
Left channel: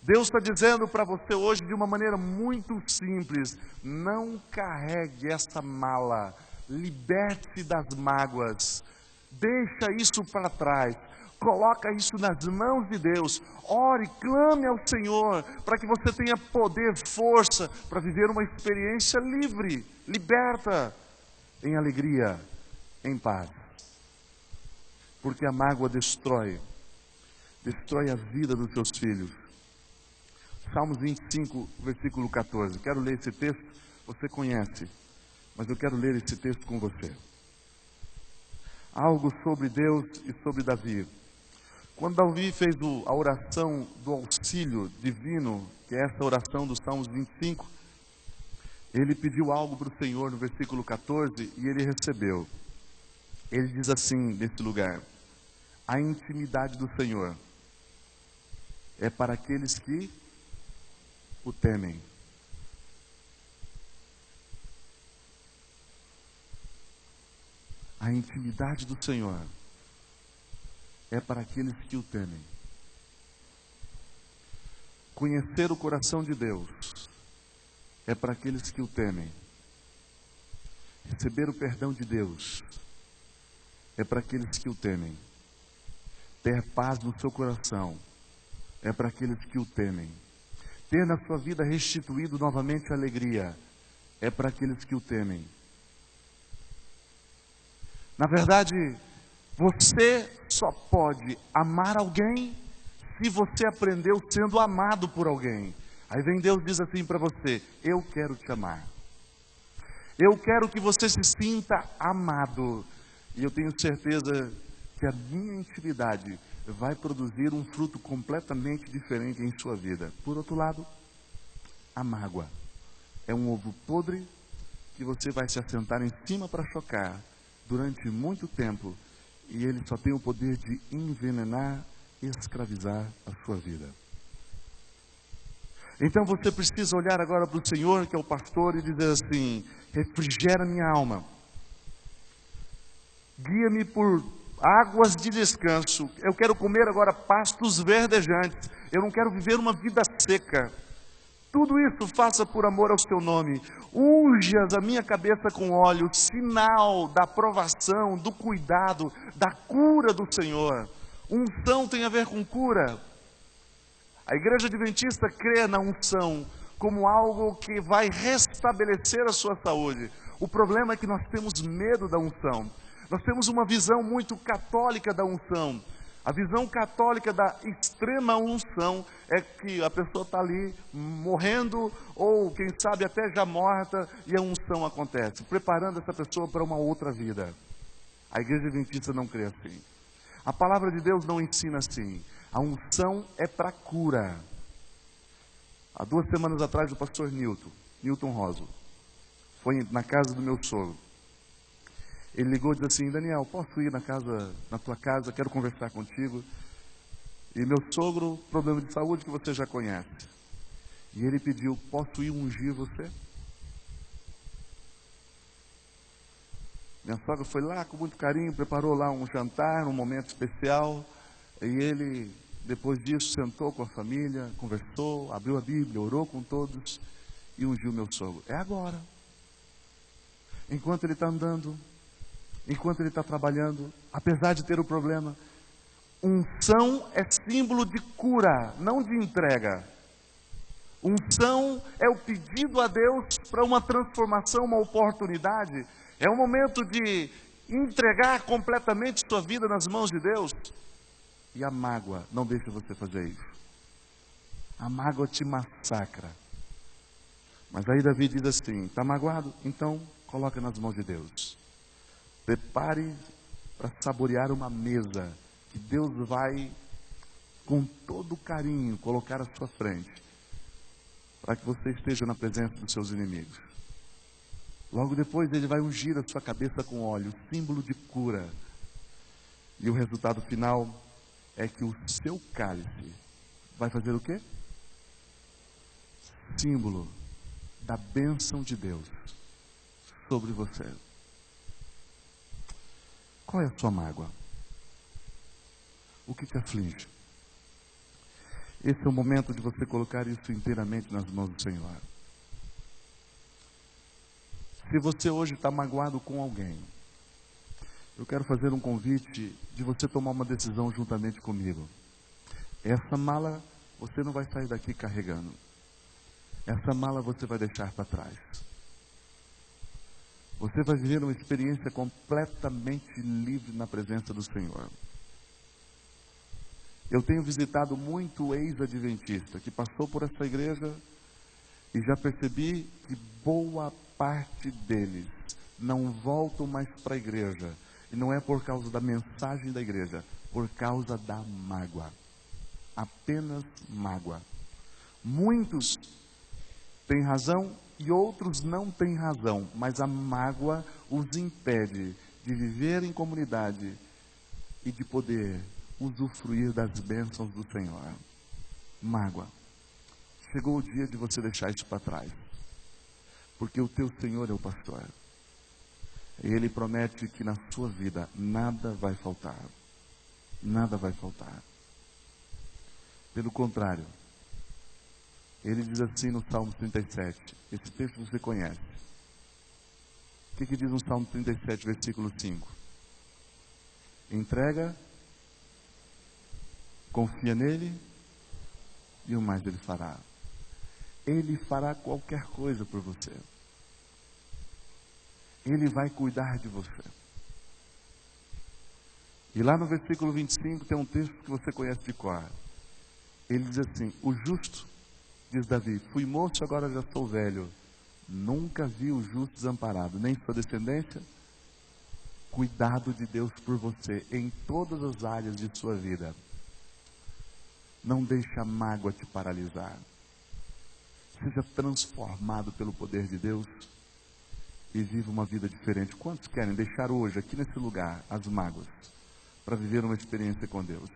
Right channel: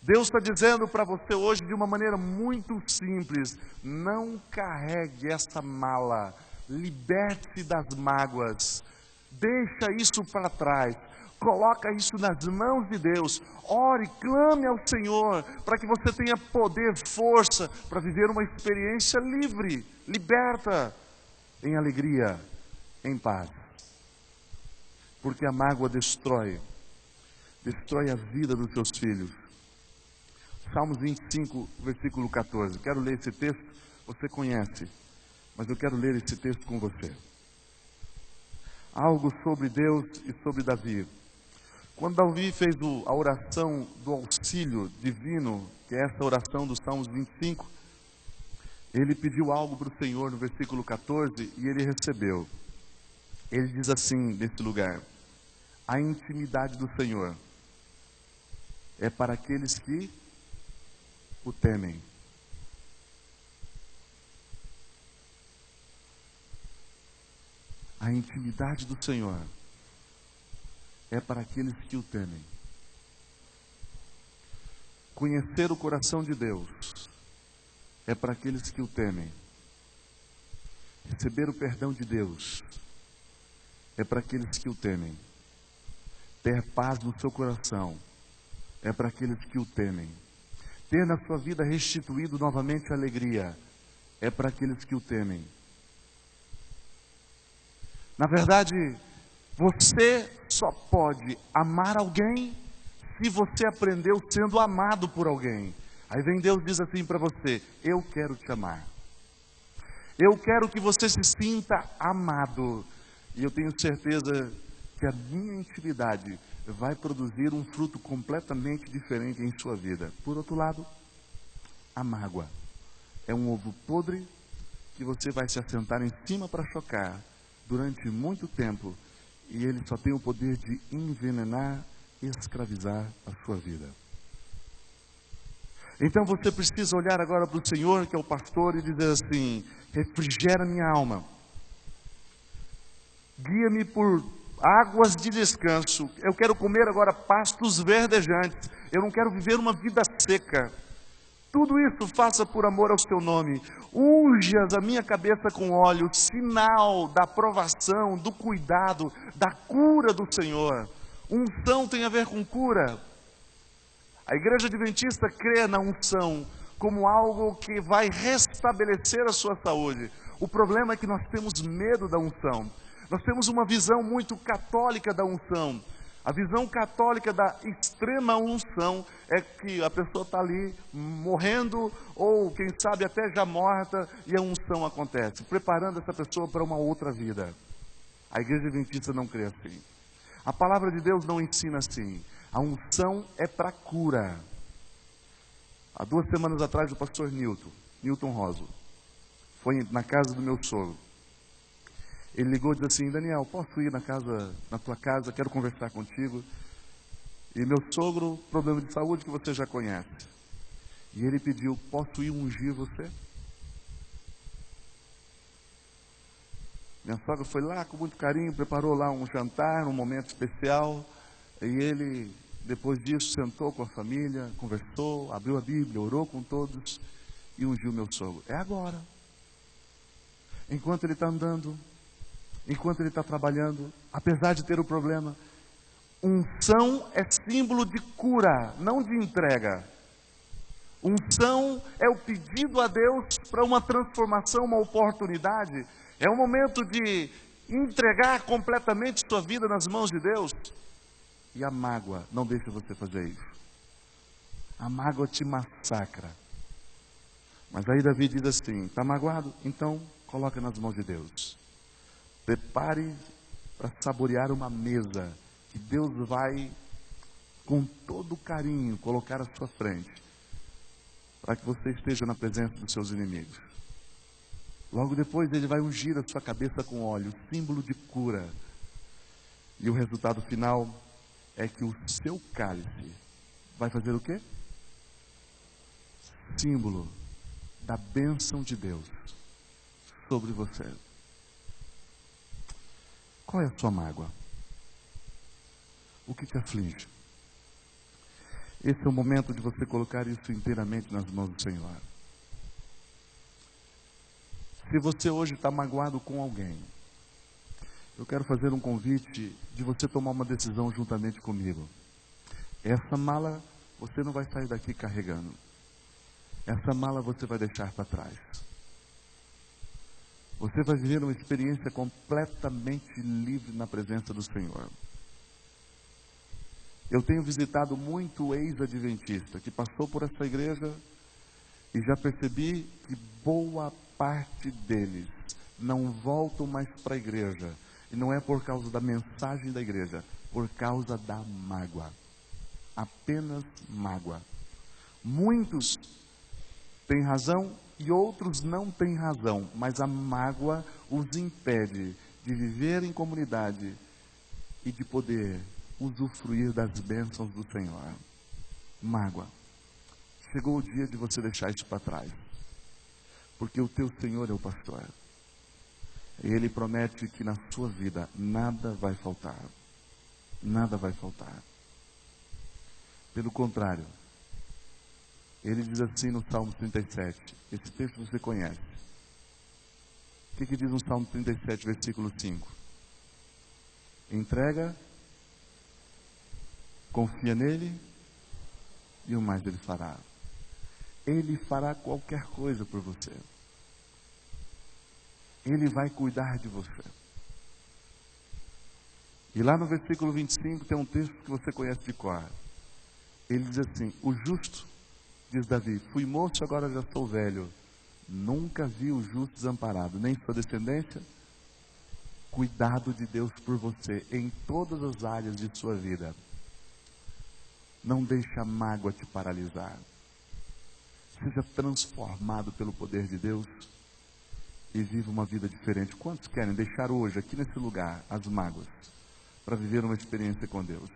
Deus está dizendo para você hoje de uma maneira muito simples, não carregue essa mala, liberte-se das mágoas, deixa isso para trás, coloca isso nas mãos de Deus, ore, clame ao Senhor, para que você tenha poder, força, para viver uma experiência livre, liberta, em alegria, em paz. Porque a mágoa destrói a vida dos seus filhos. Salmos 25, versículo 14. Quero ler esse texto, você conhece, mas eu quero ler esse texto com você. Algo sobre Deus e sobre Davi. Quando Davi fez a oração do auxílio divino, que é essa oração dos Salmos 25, ele pediu algo para o Senhor no versículo 14 e ele recebeu. Ele diz assim nesse lugar, a intimidade do Senhor é para aqueles que o temem. A intimidade do Senhor é para aqueles que o temem. Conhecer o coração de Deus é para aqueles que o temem. Receber o perdão de Deus é para aqueles que o temem. Ter paz no seu coração é para aqueles que o temem. Ter na sua vida restituído novamente a alegria é para aqueles que o temem. Na verdade, você só pode amar alguém se você aprendeu sendo amado por alguém. Aí vem Deus e diz assim para você: eu quero te amar. Eu quero que você se sinta amado. E eu tenho certeza que a minha intimidade vai produzir um fruto completamente diferente em sua vida. Por outro lado, a mágoa é um ovo podre que você vai se assentar em cima para chocar durante muito tempo, e ele só tem o poder de envenenar e escravizar a sua vida. Então você precisa olhar agora para o Senhor, que é o pastor, e dizer assim: refrigera minha alma, guia-me por águas de descanso. Eu quero comer agora pastos verdejantes. Eu não quero viver uma vida seca. Tudo isso faça por amor ao seu nome. Unjas a minha cabeça com óleo, sinal da aprovação, do cuidado, da cura do Senhor. Unção tem a ver com cura. A igreja adventista crê na unção como algo que vai restabelecer a sua saúde. O problema é que nós temos medo da unção. Nós temos uma visão muito católica da unção. A visão católica da extrema unção é que a pessoa está ali morrendo, ou quem sabe até já morta, e a unção acontece, preparando essa pessoa para uma outra vida. A igreja adventista não crê assim. A palavra de Deus não ensina assim. A unção é para cura. Há 2 semanas atrás, o pastor Newton Roso, foi na casa do meu sogro. Ele ligou e disse assim: Daniel, posso ir na tua casa, quero conversar contigo. E meu sogro, problema de saúde que você já conhece. E ele pediu: posso ir ungir você? Minha sogra foi lá com muito carinho, preparou lá um jantar, um momento especial. E ele, depois disso, sentou com a família, conversou, abriu a Bíblia, orou com todos e ungiu meu sogro. É agora. Enquanto ele está andando, enquanto ele está trabalhando, apesar de ter o problema. Unção é símbolo de cura, não de entrega. Unção é o pedido a Deus para uma transformação, uma oportunidade. É o momento de entregar completamente sua vida nas mãos de Deus. E a mágoa não deixa você fazer isso. A mágoa te massacra. Mas aí Davi diz assim: está magoado? Então coloca nas mãos de Deus. Prepare para saborear uma mesa que Deus vai, com todo carinho, colocar à sua frente, para que você esteja na presença dos seus inimigos. Logo depois ele vai ungir a sua cabeça com óleo, símbolo de cura. E o resultado final é que o seu cálice vai fazer o quê? Símbolo da bênção de Deus sobre você. Qual é a sua mágoa? O que te aflige? Esse é o momento de você colocar isso inteiramente nas mãos do Senhor. Se você hoje está magoado com alguém, eu quero fazer um convite de você tomar uma decisão juntamente comigo. Essa mala você não vai sair daqui carregando. Essa mala você vai deixar para trás. Você vai viver uma experiência completamente livre na presença do Senhor. Eu tenho visitado muito ex-adventista que passou por essa igreja e já percebi que boa parte deles não voltam mais para a igreja. E não é por causa da mensagem da igreja, por causa da mágoa. Apenas mágoa. Muitos têm razão e outros não têm razão, mas a mágoa os impede de viver em comunidade e de poder usufruir das bênçãos do Senhor. Mágoa. Chegou o dia de você deixar isso para trás, porque o teu Senhor é o pastor. E Ele promete que na sua vida nada vai faltar. nada vai faltar. Pelo contrário, ele diz assim no Salmo 37, esse texto você conhece. O que diz no Salmo 37, versículo 5? Entrega, confia nele e o mais ele fará. Ele fará qualquer coisa por você. Ele vai cuidar de você. E lá no versículo 25 tem um texto que você conhece de cor. Ele diz assim: o justo, diz Davi, fui moço, agora já sou velho. Nunca vi o justo desamparado, nem sua descendência. Cuidado de Deus por você em todas as áreas de sua vida. Não deixe a mágoa te paralisar. Seja transformado pelo poder de Deus e viva uma vida diferente. Quantos querem deixar hoje, aqui nesse lugar, as mágoas, para viver uma experiência com Deus?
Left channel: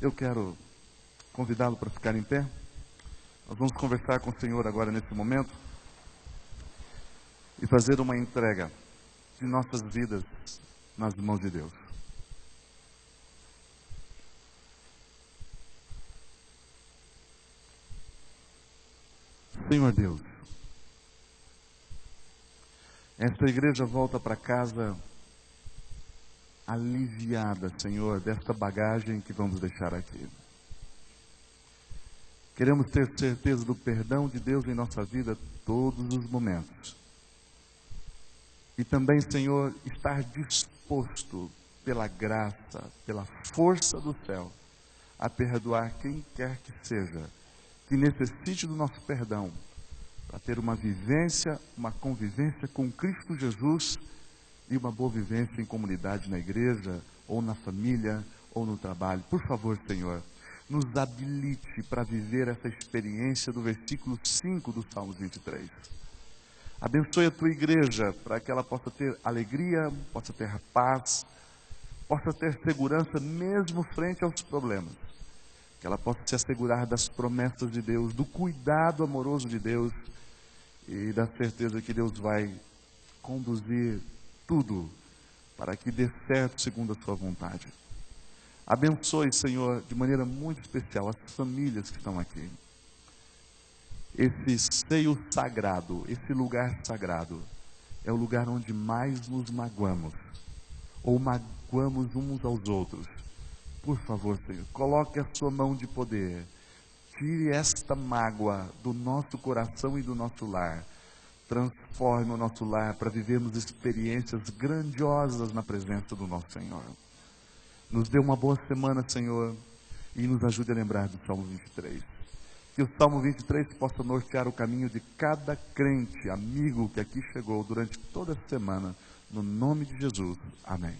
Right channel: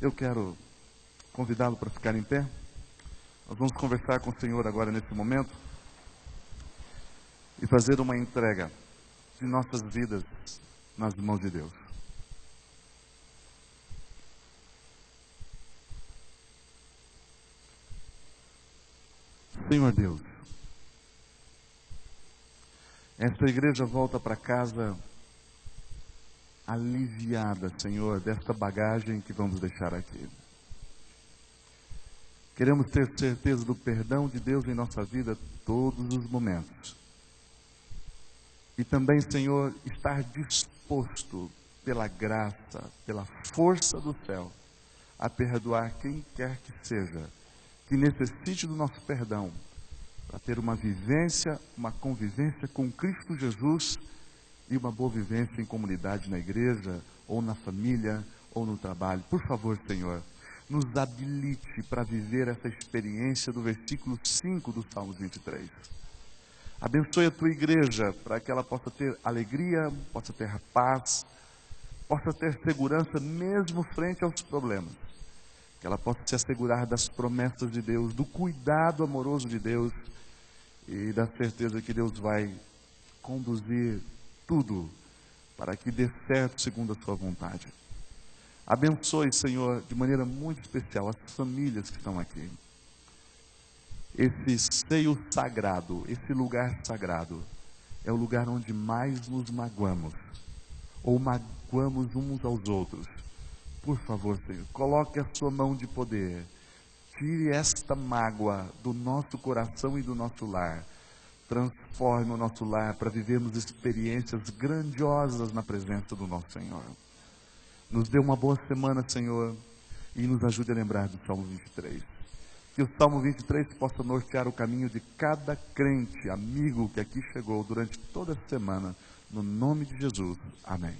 Eu quero convidá-lo para ficar em pé. Nós vamos conversar com o Senhor agora nesse momento e fazer uma entrega de nossas vidas nas mãos de Deus. Senhor Deus, esta igreja volta para casa aliviada, Senhor, desta bagagem que vamos deixar aqui. Queremos ter certeza do perdão de Deus em nossa vida todos os momentos. E também, Senhor, estar disposto pela graça, pela força do céu, a perdoar quem quer que seja, que necessite do nosso perdão, para ter uma vivência, uma convivência com Cristo Jesus e uma boa vivência em comunidade na igreja, ou na família, ou no trabalho. Por favor, Senhor, nos habilite para viver essa experiência do versículo 5 do Salmo 23. Abençoe a tua igreja para que ela possa ter alegria, possa ter paz, possa ter segurança mesmo frente aos problemas. Que ela possa se assegurar das promessas de Deus, do cuidado amoroso de Deus e da certeza que Deus vai conduzir tudo para que dê certo segundo a sua vontade. Abençoe, Senhor, de maneira muito especial as famílias que estão aqui. Esse seio sagrado, esse lugar sagrado, é o lugar onde mais nos magoamos, ou magoamos uns aos outros. Por favor, Senhor, coloque a sua mão de poder, tire esta mágoa do nosso coração e do nosso lar, transforme o nosso lar para vivermos experiências grandiosas na presença do nosso Senhor. Nos dê uma boa semana, Senhor, e nos ajude a lembrar do Salmo 23. Que o Salmo 23 possa nortear o caminho de cada crente, amigo que aqui chegou durante toda a semana, no nome de Jesus. Amém.